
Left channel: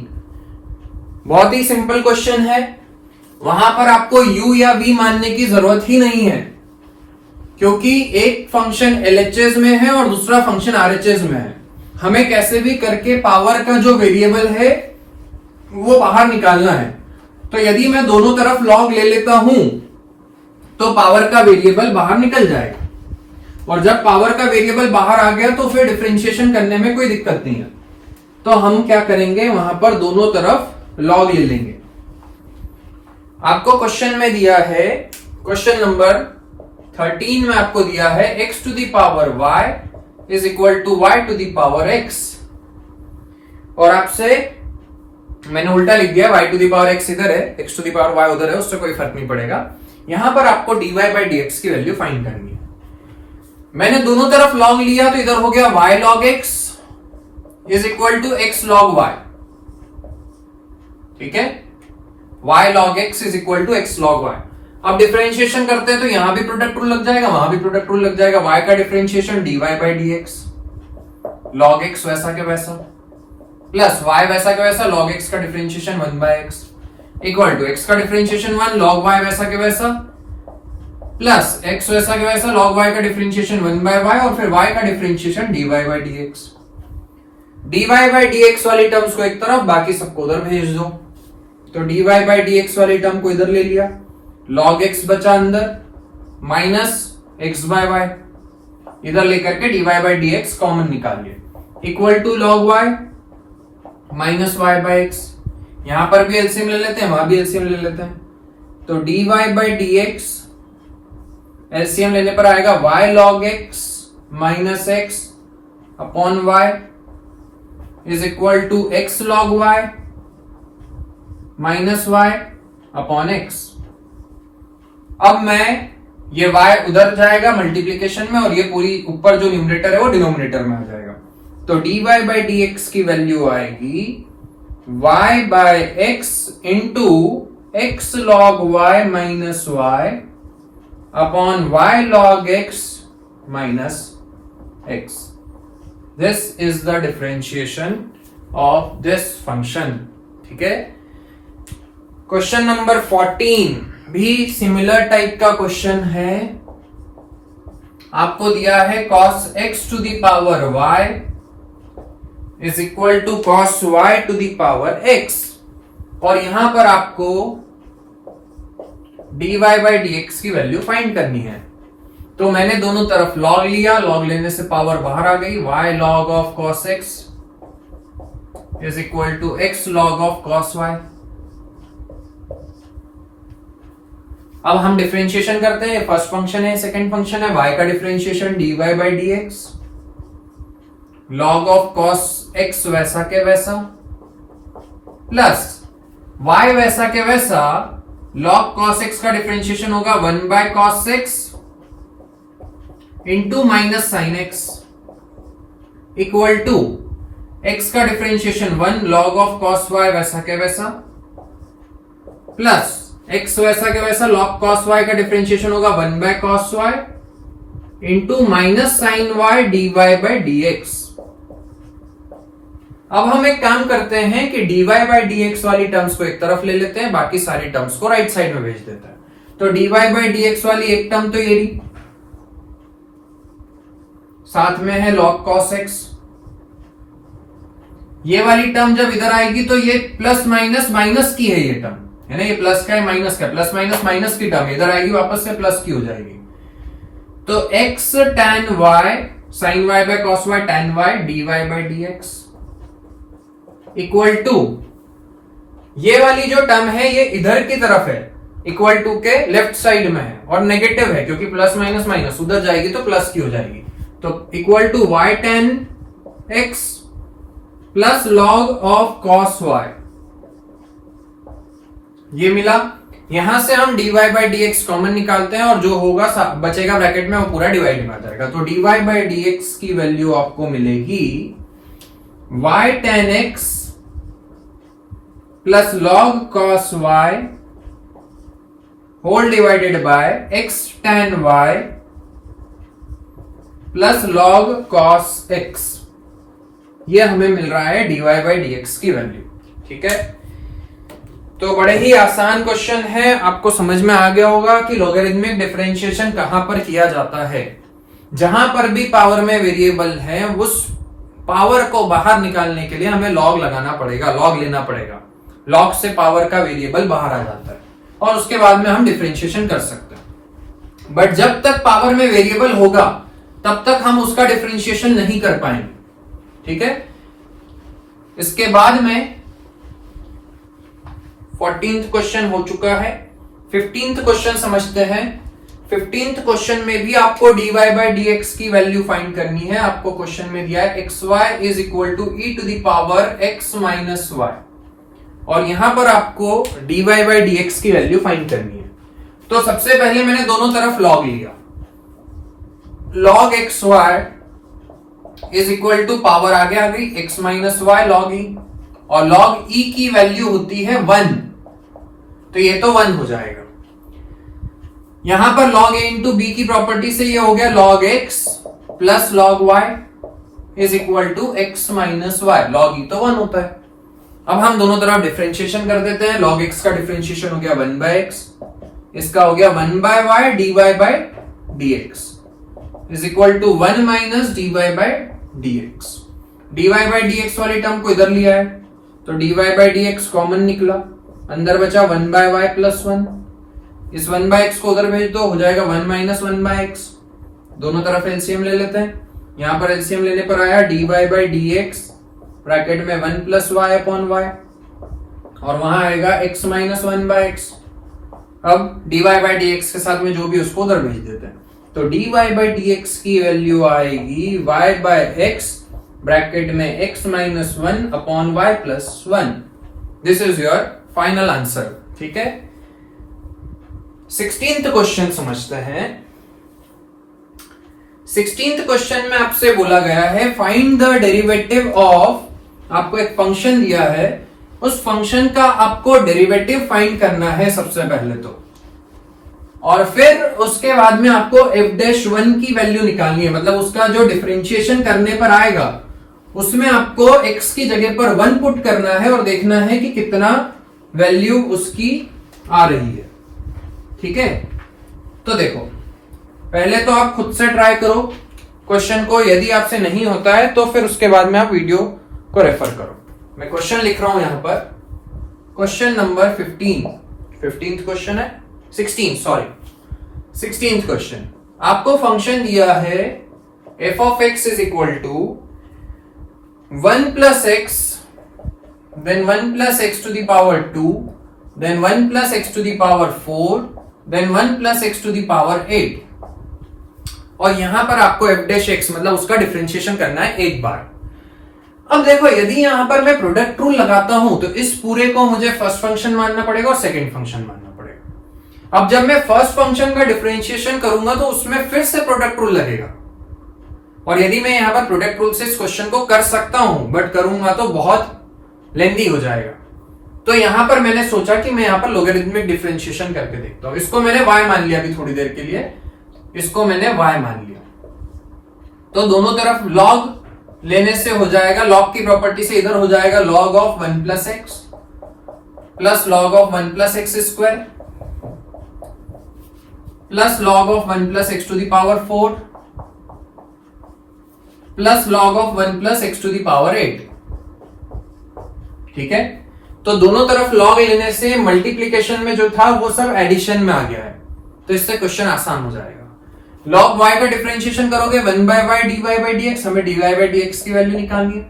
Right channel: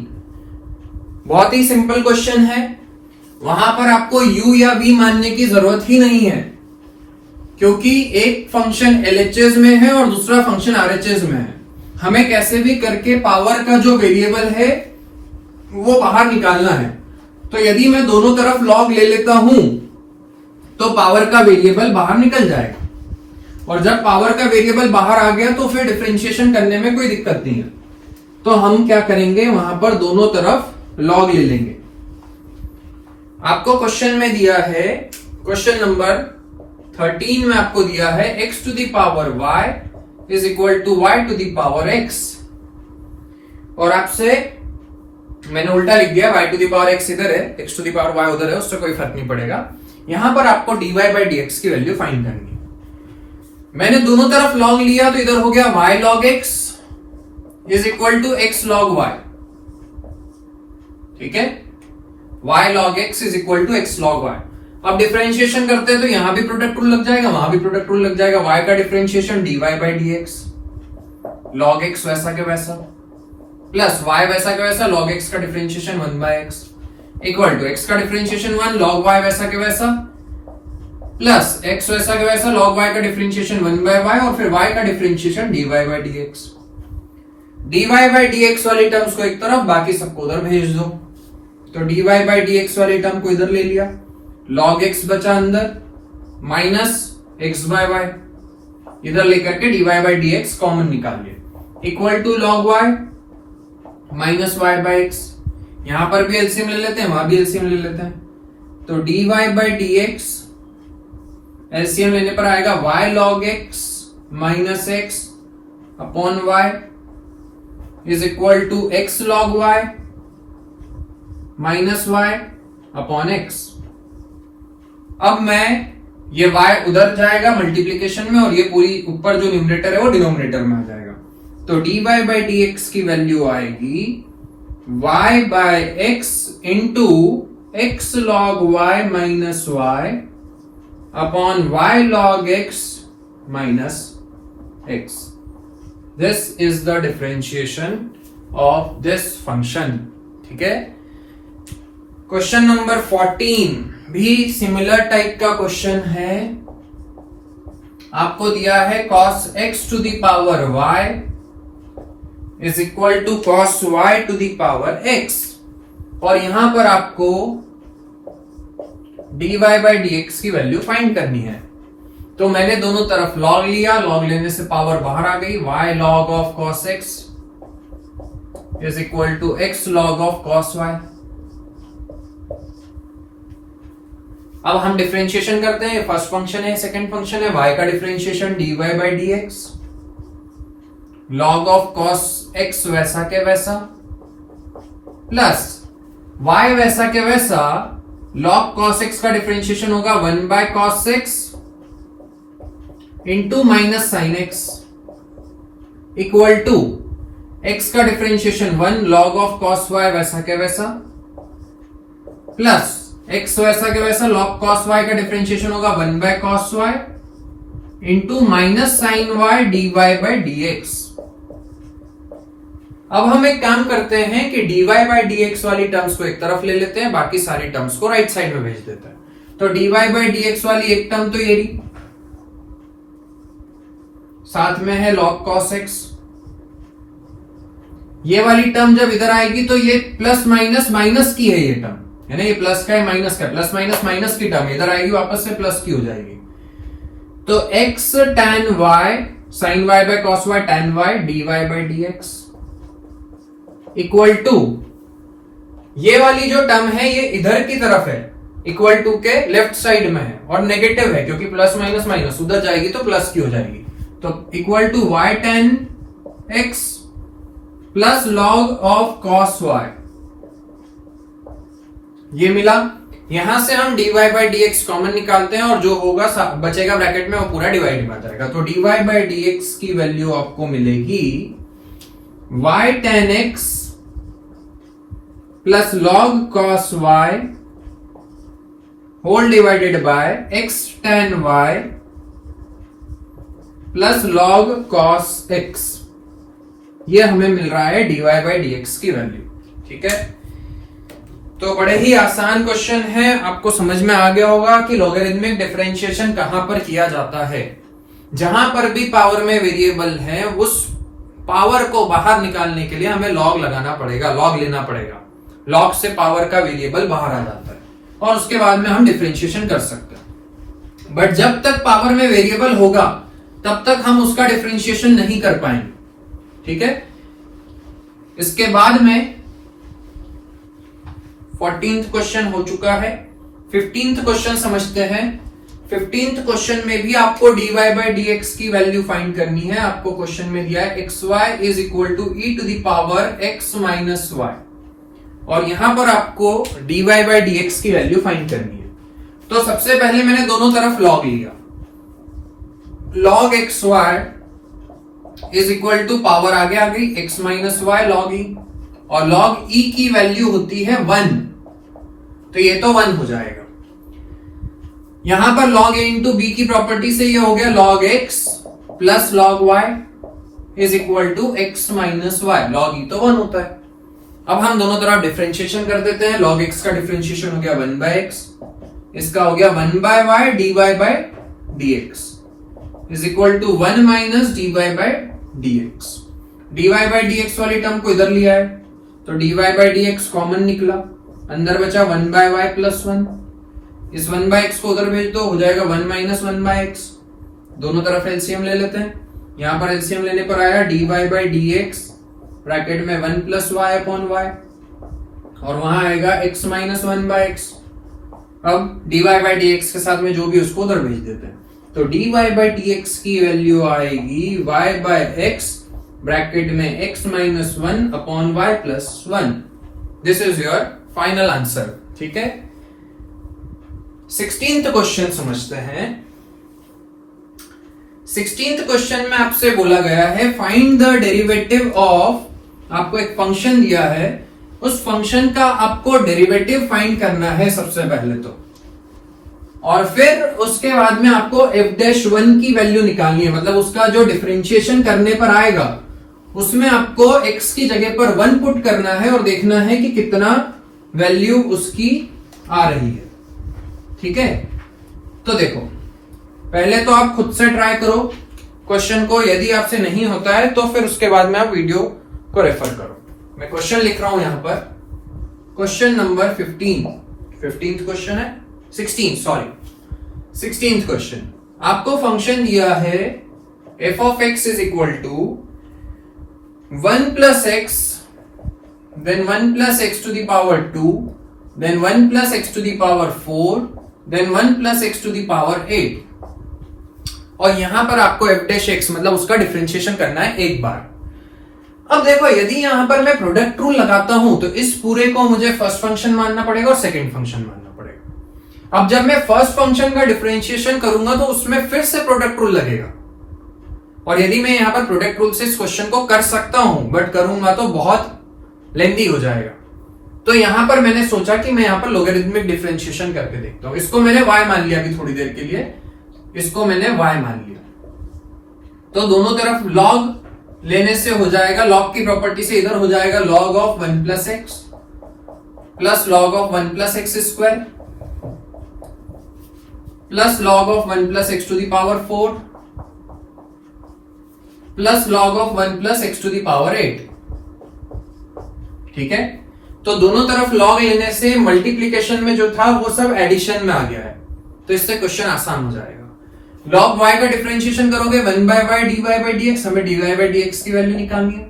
बहुत ही सिंपल क्वेश्चन है, वहां पर आपको u या v मानने की जरूरत ही नहीं है क्योंकि एक फंक्शन LHS में है और दूसरा फंक्शन RHS में है। हमें कैसे भी करके पावर का जो वेरिएबल है वो बाहर निकालना है, तो यदि मैं दोनों तरफ लॉग ले लेता हूं तो पावर का वेरिएबल बाहर निकल जाएगा, और जब पावर का वेरिएबल बाहर आ गया तो फिर डिफरेंशिएशन करने में कोई दिक्कत नहीं है। तो हम क्या करेंगे, वहां पर दोनों तरफ लॉग ले लेंगे। आपको क्वेश्चन में दिया है, क्वेश्चन नंबर 13 में आपको दिया है x to the power y is equal to y to the power x, और आपसे मैंने उल्टा लिख दिया, y to the power x इधर है, x to the power y उधर है, उससे कोई फर्क नहीं पड़ेगा। यहां पर आपको dy/dx की वैल्यू फाइंड करनी है। मैंने दोनों तरफ लॉग लिया तो इधर हो गया y log x is equal to x log y। ठीक है, y log x is equal to x log y। अब डिफरेंशिएशन करते हैं तो यहां भी प्रोडक्ट रूल लग जाएगा, वहां भी प्रोडक्ट रूल लग जाएगा। y का डिफरेंशिएशन dy/dx log x वैसा के वैसा प्लस y वैसा के वैसा log x का differentiation 1/x। Equal to x का डिफरेंशिएशन 1 log y वैसा के वैसा प्लस एक्स वैसा के वैसा log y का डिफरेंशिएशन 1/y और फिर y का differentiation dy by dx। dy by dx वाली टर्म्स को एक तरफ, बाकी सबको उधर भेज दो। तो dy by dx वाली टर्म को इधर ले लिया, log x बचा अंदर माइनस x by y, इधर लेकर के dy by dx कॉमन निकाल लिया, equal to log y minus y by x। यहां पर भी एलसीएम ले लेते हैं, वहां भी एलसीएम ले लेते हैं। तो dy by dx एलसीएम लेने पर आएगा y log x minus x upon y is equal to x log y minus y upon x। अब मैं ये y उधर जाएगा मल्टीप्लीकेशन में और ये पूरी ऊपर जो न्यूमरेटर है वो डिनोमिनेटर में आ जाएगा। तो dy by dx की वैल्यू आएगी y by x into x log y minus y upon y log x minus x। This is the differentiation of this function. ठीक है। क्वेश्चन नंबर 14 भी सिमिलर टाइप का क्वेश्चन है। आपको दिया है cos x to the power y is equal to cos y to the power x और यहां पर आपको dy by dx की वैल्यू फाइंड करनी है। तो मैंने दोनों तरफ log लिया, log लेने से पावर बाहर आ गई, y log of cos x is equal to x log of cos y। अब हम डिफरेंशिएशन करते हैं। फर्स्ट फंक्शन है, सेकंड फंक्शन है, y का differentiation dy by dx log of cos x वैसा के वैसा प्लस y वैसा के वैसा log cos x का डिफरेंशिएशन होगा 1 by cos x into minus sine x equal to x का differentiation 1 log of cos y वैसा के वैसा प्लस x वैसा के वैसा log cos y का डिफरेंशिएशन होगा 1 by cos y into minus sine y dy by dx। अब हम एक काम करते हैं कि dy by dx वाली टर्म्स को एक तरफ ले लेते हैं, बाकी सारी टर्म्स को राइट साइड में भेज देते हैं। तो dy by dx वाली एक टर्म तो ये रही, साथ में है log cos x। ये वाली टर्म जब इधर आएगी तो ये प्लस माइनस माइनस की है, ये टर्म है ना, ये प्लस का है माइनस का, प्लस माइनस माइनस की टर्म इधर आएगी, वापस से प्लस की हो जाएगी। तो x tan y sin y by cos y tan y dy by dx equal to ये वाली जो टर्म है ये इधर की तरफ है, इक्वल टू के लेफ्ट साइड में है और नेगेटिव है क्योंकि प्लस माइनस माइनस उधर जाएगी तो प्लस की हो जाएगी। तो equal to y tan x plus log of cos y ये मिला। यहां से हम dy by dx कॉमन निकालते हैं और जो होगा बचेगा ब्रैकेट में वो पूरा डिवाइड में आ जाएगा। तो dy by dx की वैल्यू आपको मिलेगी y tan x plus log cos y whole divided by x tan y plus log cos x। ये हमें मिल रहा है dy by dx की वैल्यू। ठीक है। तो बड़े ही आसान क्वेश्चन है, आपको समझ में आ गया होगा कि लॉगरिथमिक डिफरेंशिएशन कहां पर किया जाता है। जहां पर भी पावर में वेरिएबल है उस पावर को बाहर निकालने के लिए हमें लॉग लगाना पड़ेगा, लॉग लेना पड़ेगा। लॉग से पावर का वेरिएबल बाहर आ जाता है और उसके बाद में हम डिफरेंशिएशन कर सकते हैं। बट जब तक पावर में वेरिएबल होगा तब तक हम उसका डिफरेंशिएशन नहीं कर पाएंगे। ठीक है। इसके बाद में 14th क्वेश्चन हो चुका है। 15th क्वेश्चन समझते हैं। 15th क्वेश्चन में भी आपको dy by dx की वैल्यू फाइंड करनी है। आपको क्वेश्चन में दिया है xy is equal to e to the power x minus y और यहां पर आपको dy by dx की वैल्यू फाइंड करनी है। तो सबसे पहले मैंने दोनों तरफ log लिया, log xy is equal to power आगे आ गई x minus y log e और log e की वैल्यू होती है 1, तो ये तो 1 हो जाएगा। यहां पर log a इंटू बी की प्रॉपर्टी से ये हो गया log x plus log y is equal to x minus y, log e तो 1 होता है। अब हम दोनों तरफ डिफरेंशिएशन कर देते हैं। log x का डिफरेंशिएशन हो गया 1/x, इसका हो गया 1/y dy by dx is equal to 1 minus dy by dx। dy by dx वाली टर्म को इधर लिया है तो dy by dx कॉमन निकला, अंदर बचा 1/y प्लस 1। इस 1/x को उधर भेज दो, हो जाएगा 1 माइनस 1/x। दोनों तरफ एलसीएम ले लेते हैं। यहां पर एलसीएम लेने पर आया dy by dx ब्रैकेट में 1 प्लस y अपॉन y और वहां आएगा x माइनस 1/x। अब dy by dx के साथ में जो भी उसको उधर भेज देते हैं तो dy by dx की वैल्यू आएगी y by x ब्रैकेट में x minus 1 upon y plus 1। This is your final answer. ठीक है, 16th क्वेश्चन समझते हैं। 16th क्वेश्चन में आपसे बोला गया है फाइंड द डेरिवेटिव ऑफ, आपको एक फंक्शन दिया है, उस फंक्शन का आपको डेरिवेटिव फाइंड करना है सबसे पहले तो, और फिर उसके बाद में आपको f'1 की वैल्यू निकालनी है। मतलब उसका जो डिफरेंशिएशन करने पर आएगा उसमें आपको x की जगह पर 1 पुट करना है और देखना है कि कितना वैल्यू उसकी आ रही है। ठीक है, तो देखो पहले तो आप खुद से ट्राई करो क्वेश्चन को, यदि आपसे नहीं होता है तो फिर उसके बाद में आप वीडियो को रेफर करो। मैं क्वेश्चन लिख रहा हूं यहां पर, क्वेश्चन नंबर 15th क्वेश्चन है, 16th क्वेश्चन। आपको फंक्शन दिया है f of x is equal to 1 plus x, then 1 plus x to the power 2, then 1 plus x to the power 4, then 1 plus x to the power 8। और यहां पर आपको f' मतलब उसका डिफरेंशिएशन करना है एक बार। अब देखो यदि यहां पर मैं प्रोडक्ट रूल लगाता हूं तो इस पूरे को मुझे फर्स्ट फंक्शन मानना पड़ेगा और सेकंड फंक्शन मानना पड़ेगा। अब जब मैं फर्स्ट फंक्शन का डिफरेंशिएशन करूंगा तो उसमें फिर से प्रोडक्ट रूल लगेगा, और यदि मैं यहां पर प्रोडक्ट रूल से इस क्वेश्चन को कर सकता हूं बट करूंगा तो बहुत लेंदी हो जाएगा। तो यहां पर मैंने सोचा कि मैं यहां पर लोगरिथमिक डिफरेंशिएशन करके देखता हूं। इसको मैंने y मान लिया अभी थोड़ी देर के लिए, इसको मैंने y मान लिया। तो दोनों तरफ log लेने से हो जाएगा, log की प्रॉपर्टी से इधर हो जाएगा log of 1 plus x plus log of 1 plus x square plus log of 1 plus x to the power 4 plus log of 1 plus x to the power 8। ठीक है, तो दोनों तरफ log लेने से मल्टीप्लीकेशन में जो था वो सब एडिशन में आ गया है, तो इससे क्वेश्चन आसान हो जाएगा। log y का डिफरेंशिएशन करोगे 1/y dy by dx, हमें dy by dx की वैल्यू निकालनी है।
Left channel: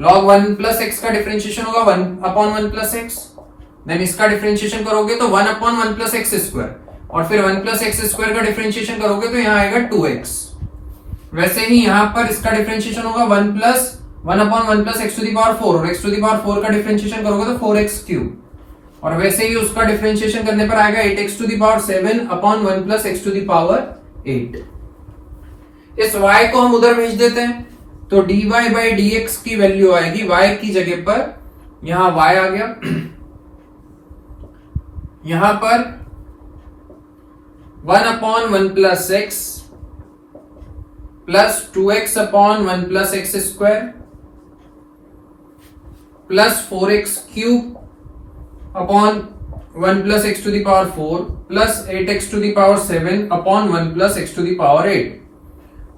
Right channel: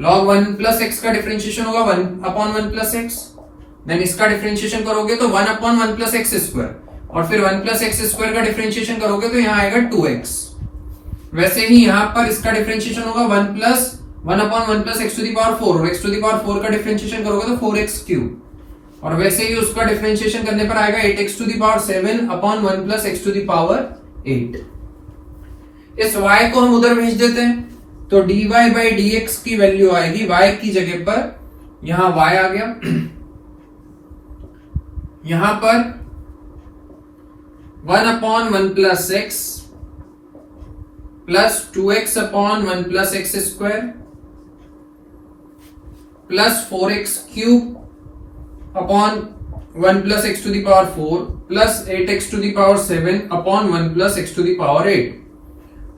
log 1 प्लस x का डिफरेंशिएशन होगा 1 अपॉन 1 प्लस x, देन इसका डिफरेंशिएशन करोगे तो 1 अपॉन 1 प्लस एक्स स्क्वायर, और फिर 1 प्लस एक्स स्क्वायर का डिफरेंशिएशन करोगे तो यहाँ आएगा 2x। वैसे ही यहाँ पर इसका डिफरेंशिएशन होगा 1 upon 1 plus x to the power 4, और एक्स टू द पावर 4 का डिफरेंशिएशन करोगे तो 4x क्यूब, और वैसे ही उसका डिफरेंशिएशन करने पर आएगा 8x to the power 7 upon 1 plus x to the power 8। इस y को हम उधर भेज देते हैं तो dy by dx की वैल्यू आएगी y की जगह पर, यहां y आ गया, यहां पर 1 upon 1 plus x plus 2x upon 1 plus x square plus 4x cube upon 1 plus x to the power 4 plus 8x to the power 7 upon 1 plus x to the power 8।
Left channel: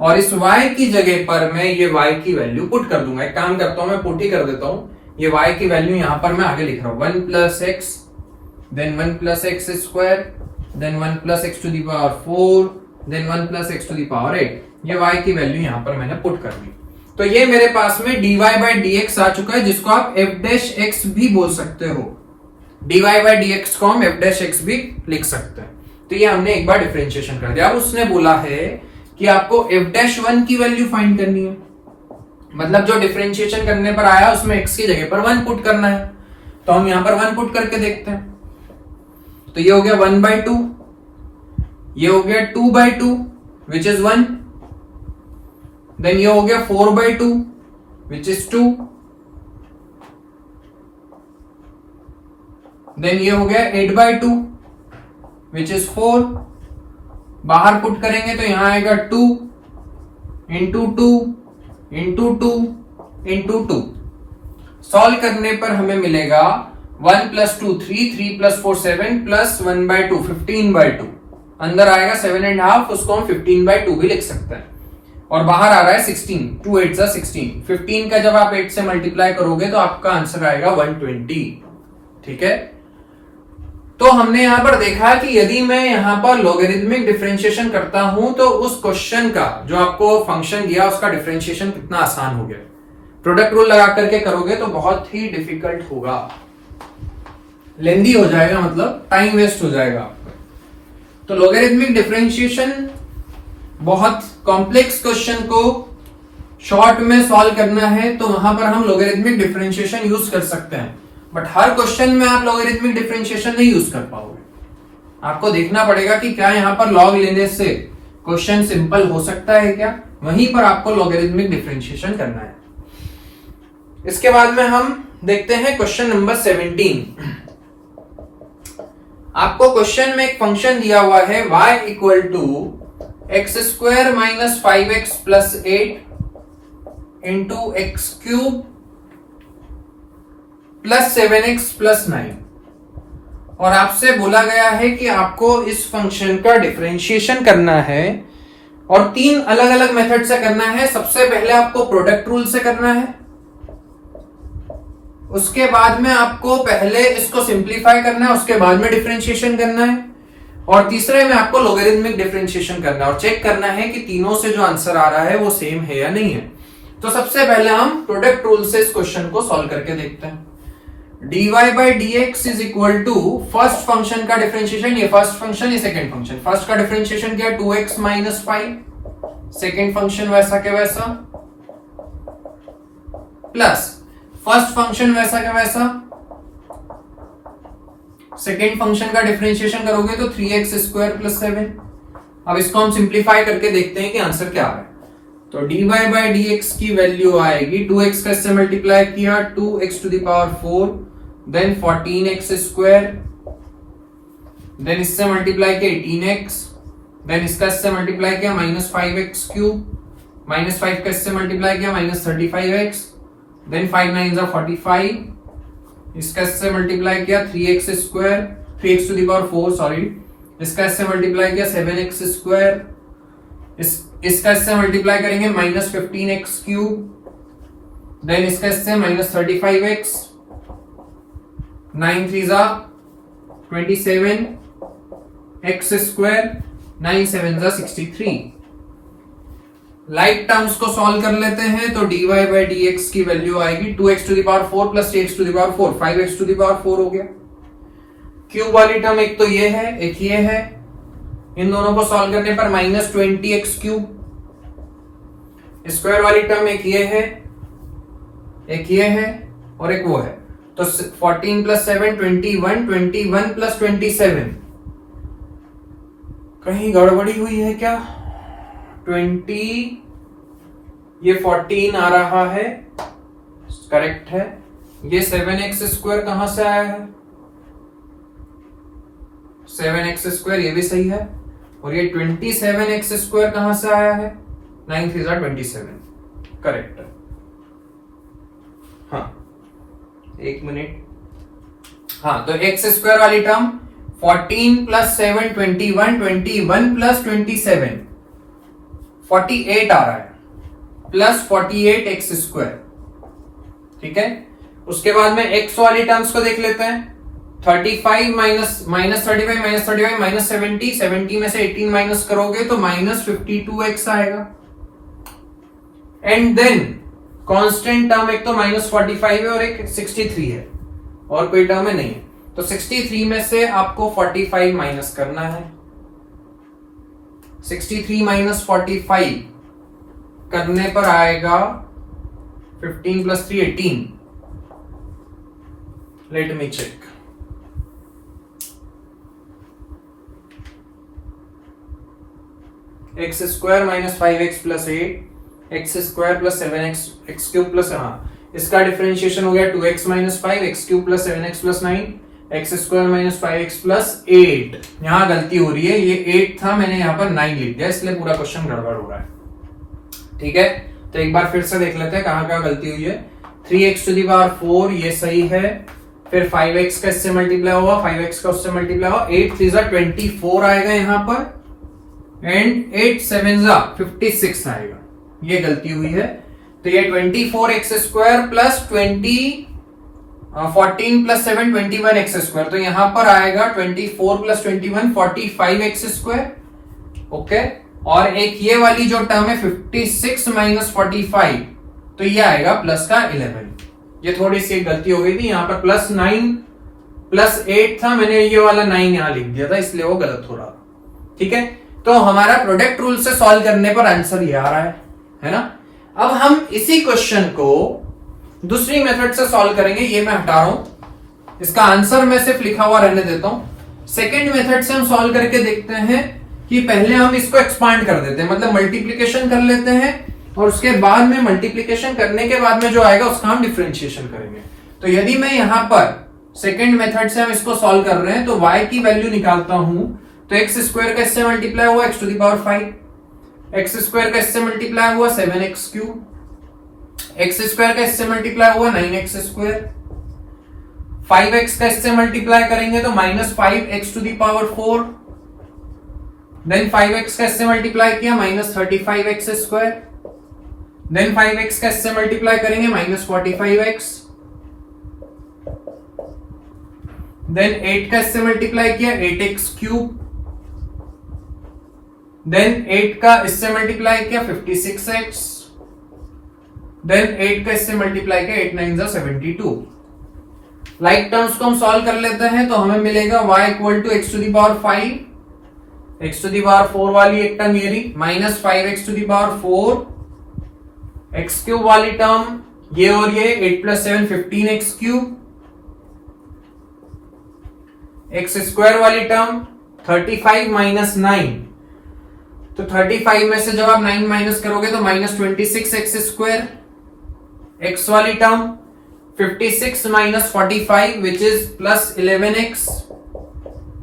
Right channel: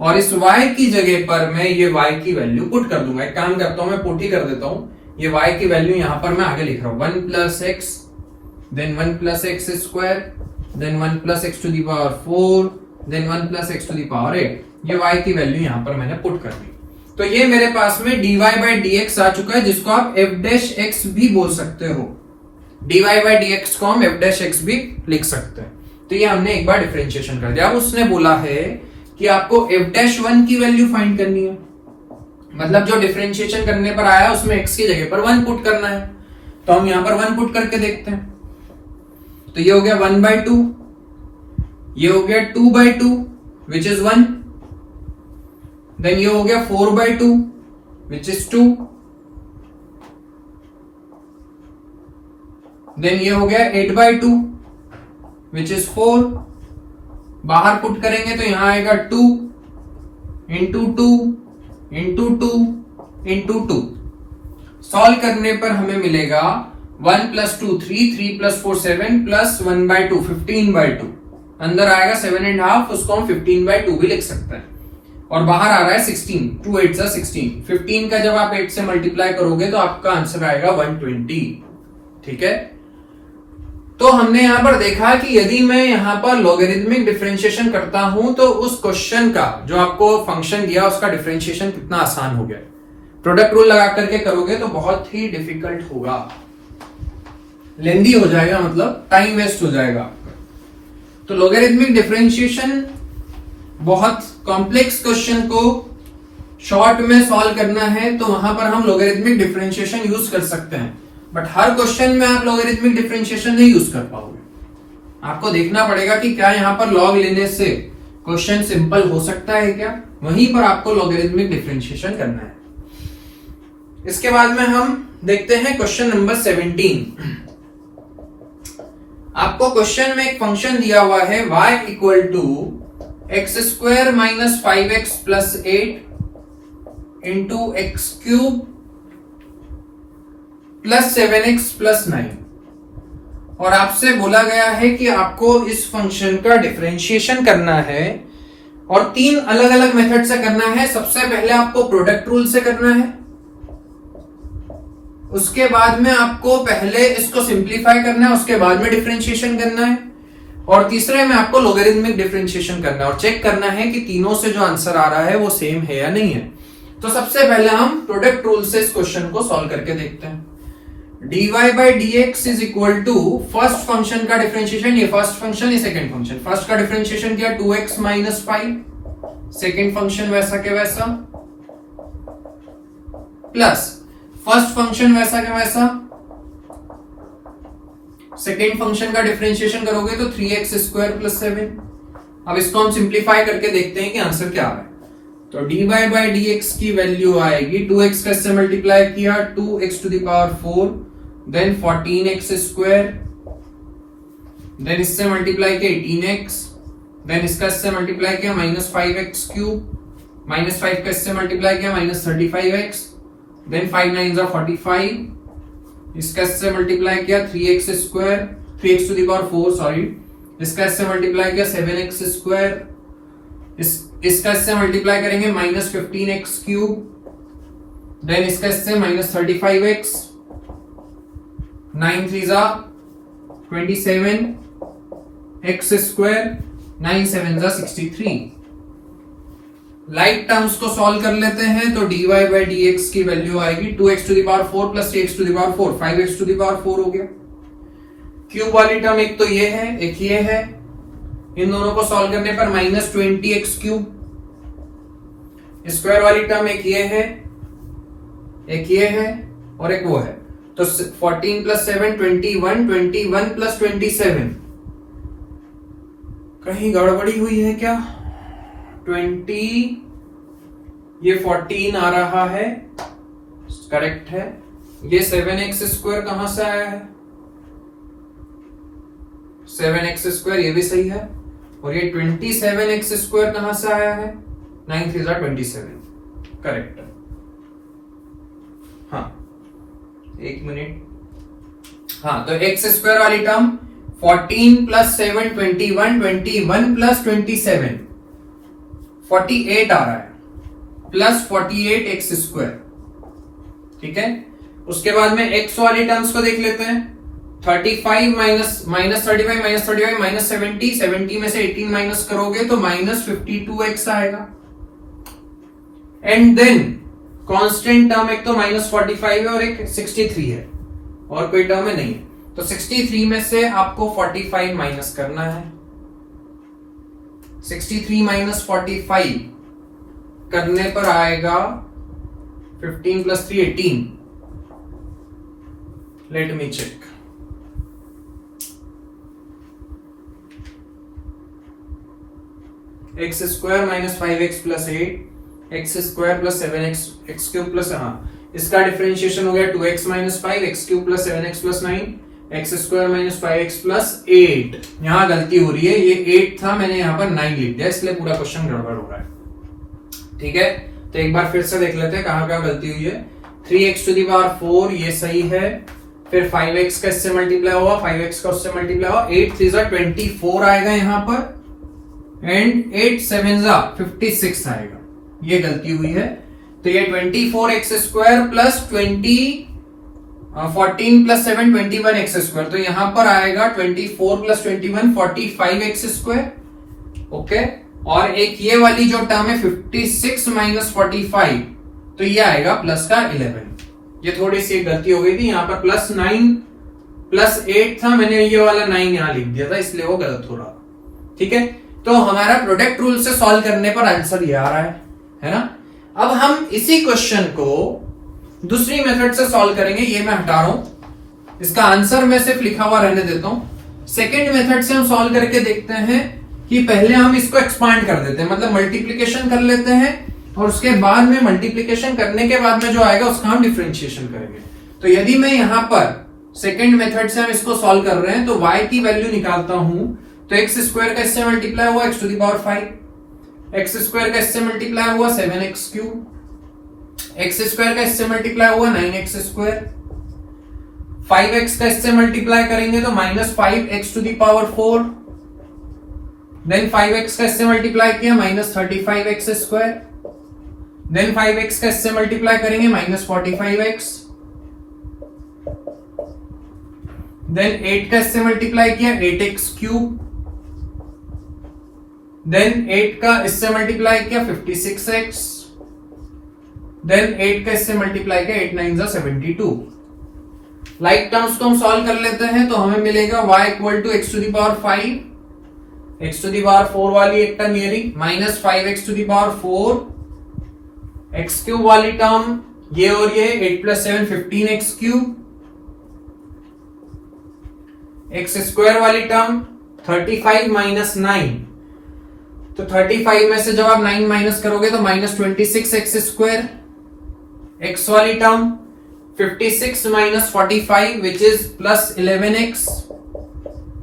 और इस y की जगह पर मैं ये y की वैल्यू पुट कर दूंगा। एक काम करता हूं, मैं पुट ही कर देता हूं, ये y की वैल्यू यहां पर मैं आगे लिख रहा हूं 1 plus x, then 1 plus x square, then 1 plus x to the power 4, then 1 plus x to the power 8। ये y की वैल्यू यहां पर मैंने पुट कर दी। तो ये मेरे पास में dy by dx आ चुका है, जिसको आप f' भी बोल सकते हो। dy by dx को हम f' भी लिख सकते हैं। तो ये हमने एक बार डिफरेंशिएशन कर दिया। अब उसने बोला है कि आपको f'1 की वैल्यू फाइंड करनी है, मतलब जो डिफरेंशिएशन करने पर आया उसमें x की जगह पर 1 पुट करना है। तो हम यहां पर 1 पुट करके देखते हैं। तो ये हो गया 1/2, ये हो गया 2/2 विच इज 1, देन ये हो गया 4/2 विच इज 2, देन ये हो गया 8/2 विच इज 4। बाहर पुट करेंगे तो यहां आएगा 2 इंटू 2 इंटू 2 इंटू 2। सॉल्व करने पर हमें मिलेगा 1 + 2 3, 3 + 4 7 प्लस 1/2 15/2। अंदर आएगा 7.5, उसको हम 15/2 भी लिख सकते हैं। और बाहर आ रहा है 16, 2 8 16। 15 का जब आप 8 से मल्टीप्लाई करोगे तो आपका आंसर आएगा 120। ठीक है, तो हमने यहां पर देखा कि यदि मैं यहां पर लॉगरिथमिक डिफरेंशिएशन करता हूं तो उस क्वेश्चन का जो आपको फंक्शन दिया उसका डिफरेंशिएशन कितना आसान हो गया। प्रोडक्ट रूल लगा करके करोगे तो बहुत ही डिफिकल्ट होगा, लेंदी हो जाएगा, मतलब टाइम वेस्ट हो जाएगा आपका। तो लॉगरिथमिक डिफरेंशिएशन बहुत कॉम्प्लेक्स क्वेश्चन को शॉर्ट में सॉल्व करना है तो वहां पर हम लॉगरिथमिक डिफरेंशिएशन यूज कर सकते हैं, बट हर क्वेश्चन में आप लॉगरिथमिक डिफरेंशिएशन नहीं यूज कर पाओगे। आपको देखना पड़ेगा कि क्या यहां पर लॉग लेने से क्वेश्चन सिंपल हो सकता है क्या, वहीं पर आपको लॉगरिथमिक डिफरेंशिएशन करना है। इसके बाद में हम देखते हैं क्वेश्चन नंबर 17। आपको क्वेश्चन में एक फंक्शन दिया हुआ है y = x² - 5x + 8 × x³ + 7x + 9, और आपसे बोला गया है कि आपको इस फंक्शन का डिफरेंशिएशन करना है और 3 अलग अलग मेथड से करना है। सबसे पहले आपको प्रोडक्ट रूल से करना है, उसके बाद में आपको पहले इसको सिंप्लीफाई करना है, उसके बाद में डिफरेंशिएशन करना है, और तीसरे में आपको लॉगरिथमिक डिफरेंशिएशन करना है और चेक करना है कि तीनों से जो आंसर आ रहा है वो सेम है या नहीं है। तो सबसे पहले हम प्रोडक्ट रूल से इस क्वेश्चन को सॉल्व करके देखते हैं। dy/dx = फर्स्ट फंक्शन का डिफरेंशिएशन, ये फर्स्ट फंक्शन, ये सेकंड फंक्शन। फर्स्ट का डिफरेंशिएशन किया 2x - 5, सेकंड फंक्शन वैसा के वैसा, प्लस फर्स्ट फंक्शन वैसा के वैसा, सेकेंड फंक्शन का डिफरेंशिएशन करोगे तो 3x² + 7। अब इसको हम सिंप्लीफाई करके देखते हैं कि आंसर क्या है। तो dy/dx की वैल्यू आएगी 2x का इससे मल्टीप्लाई किया 2x⁴, देन 14x², देन इससे मल्टीप्लाई किया 18x, देन इसका इससे मल्टीप्लाई किया -5x³, -5 का इससे मल्टीप्लाई किया -35x, देन 5 9 45, इसका इससे मल्टीप्लाई किया 3x², सॉरी, इसका इससे मल्टीप्लाई किया 7x², इसका इससे मल्टीप्लाई करेंगे -15x³, देन इसका इससे -35x, 9 3 27, x², 9 7 63। लाइक टर्म्स को सॉल्व कर लेते हैं तो dy/dx की वैल्यू आएगी 2x⁴ + 3x⁴, 5x⁴ हो गया। क्यूब वाली टर्म एक तो ये है, एक ये है, इन दोनों को सॉल्व करने पर -20x³। स्क्वायर वाली टर्म एक ये है, एक ये है और एक वो है, तो 14 + 7 21, 21 + 27। कहीं गड़बड़ी हुई है क्या? 20, ये 14 आ रहा है, करेक्ट है। ये 7x² कहां से आया है? 7x² ये भी सही है, और ये 27x² कहां से आया है? 9 3 27, करेक्ट है। हाँ, एक मिनट। हाँ, तो x² वाली टर्म 14 + 7 21, 21 + 27 48 आ रहा है, प्लस 48x²। ठीक है, उसके बाद में x वाली टर्म्स को देख लेते हैं। 35 -35 -70, 70 में से 18 माइनस करोगे तो -52x आएगा। एंड देन कांस्टेंट टर्म एक तो -45 है और एक 63 है, और कोई टर्म है नहीं, तो 63 में से आपको 45 माइनस करना है। 63 - 45 करने पर आएगा 15 + 3 18। Let me check. x² - 5x + 8, x² + 7x, x³ +, इसका डिफरेंशिएशन हो गया 2x - 5, x³ + 7x + 9, x² - 5x + 8। यहां गलती हो रही है, ये 8 था, मैंने यहां पर 9 लिख दिया, इसलिए पूरा क्वेश्चन गड़बड़ हो रहा है। ठीक है, तो एक बार फिर से देख लेते हैं कहां कहां गलती हुई है। 3x टू दी पावर 4 ये सही है, फिर 5x का इससे मल्टीप्लाई हुआ, 5x का उससे मल्टीप्लाई हुआ, 8 3 24 आएगा यहां पर एंड 8 7 56 आएगा, ये गलती हुई है। तो ये 24x square plus 14 plus 7 21x square, तो यहां पर आएगा 24 प्लस 21 45x स्क्वायर। ओके, और एक ये वाली जो टर्म है 56 माइनस 45, तो ये आएगा प्लस का 11। ये थोड़ी सी गलती हो गई थी, यहाँ पर प्लस 9 प्लस 8 था, मैंने ये वाला 9 यहां लिख दिया था, इसलिए वो गलत हो रहा। ठीक है, तो हमारा प्रोडक्ट रूल से सॉल्व करने पर आंसर ये आ रहा है ना। अब हम इसी क्वेश्चन को दूसरी मेथड से सॉल्व करेंगे, ये मैं हटा रहा हूं, इसका आंसर मैं सिर्फ लिखा हुआ रहने देता हूं। सेकेंड मेथड से हम सॉल्व करके देखते हैं कि पहले हम इसको एक्सपांड कर देते हैं, मतलब मल्टीप्लीकेशन कर लेते हैं और उसके बाद में मल्टीप्लीकेशन करने के बाद में जो आएगा उसका हम डिफरेंशिएशन करेंगे। तो यदि मैं यहां पर सेकेंड मेथड से हम इसको सॉल्व कर रहे हैं तो y की वैल्यू निकालता हूं, तो एक्स स्क्वायर का इससे मल्टीप्लाई हुआ x to the power 5, x square का इससे मल्टीप्लाई हुआ 7x क्यूब, एक्स स्क्वायर का इससे मल्टीप्लाई हुआ 9x स्क्वायर, 5x का इससे मल्टीप्लाई करेंगे तो minus 5x to the power 4, then 5x का इससे मल्टीप्लाई किया minus 35x square, then 5x का इससे मल्टीप्लाई करेंगे माइनस 45x, देन 8 का इससे मल्टीप्लाई किया 8x क्यूब, देन 8 का इससे मल्टीप्लाई किया 56x, देन 8 का इससे मल्टीप्लाई किया 8 9 72। लाइक टर्म्स को हम सॉल्व कर लेते हैं तो हमें मिलेगा y equal to x to the power 5, x to the power 4 वाली एक टर्म ये रही, minus 5x to the power 4, x cube वाली टर्म ये और ये 8 plus 7 15x cube, x square वाली टर्म 35 माइनस 9, तो 35 में से जब आप 9 माइनस करोगे तो माइनस 26x स्क्वायर, x वाली term 56 minus 45 which is plus 11x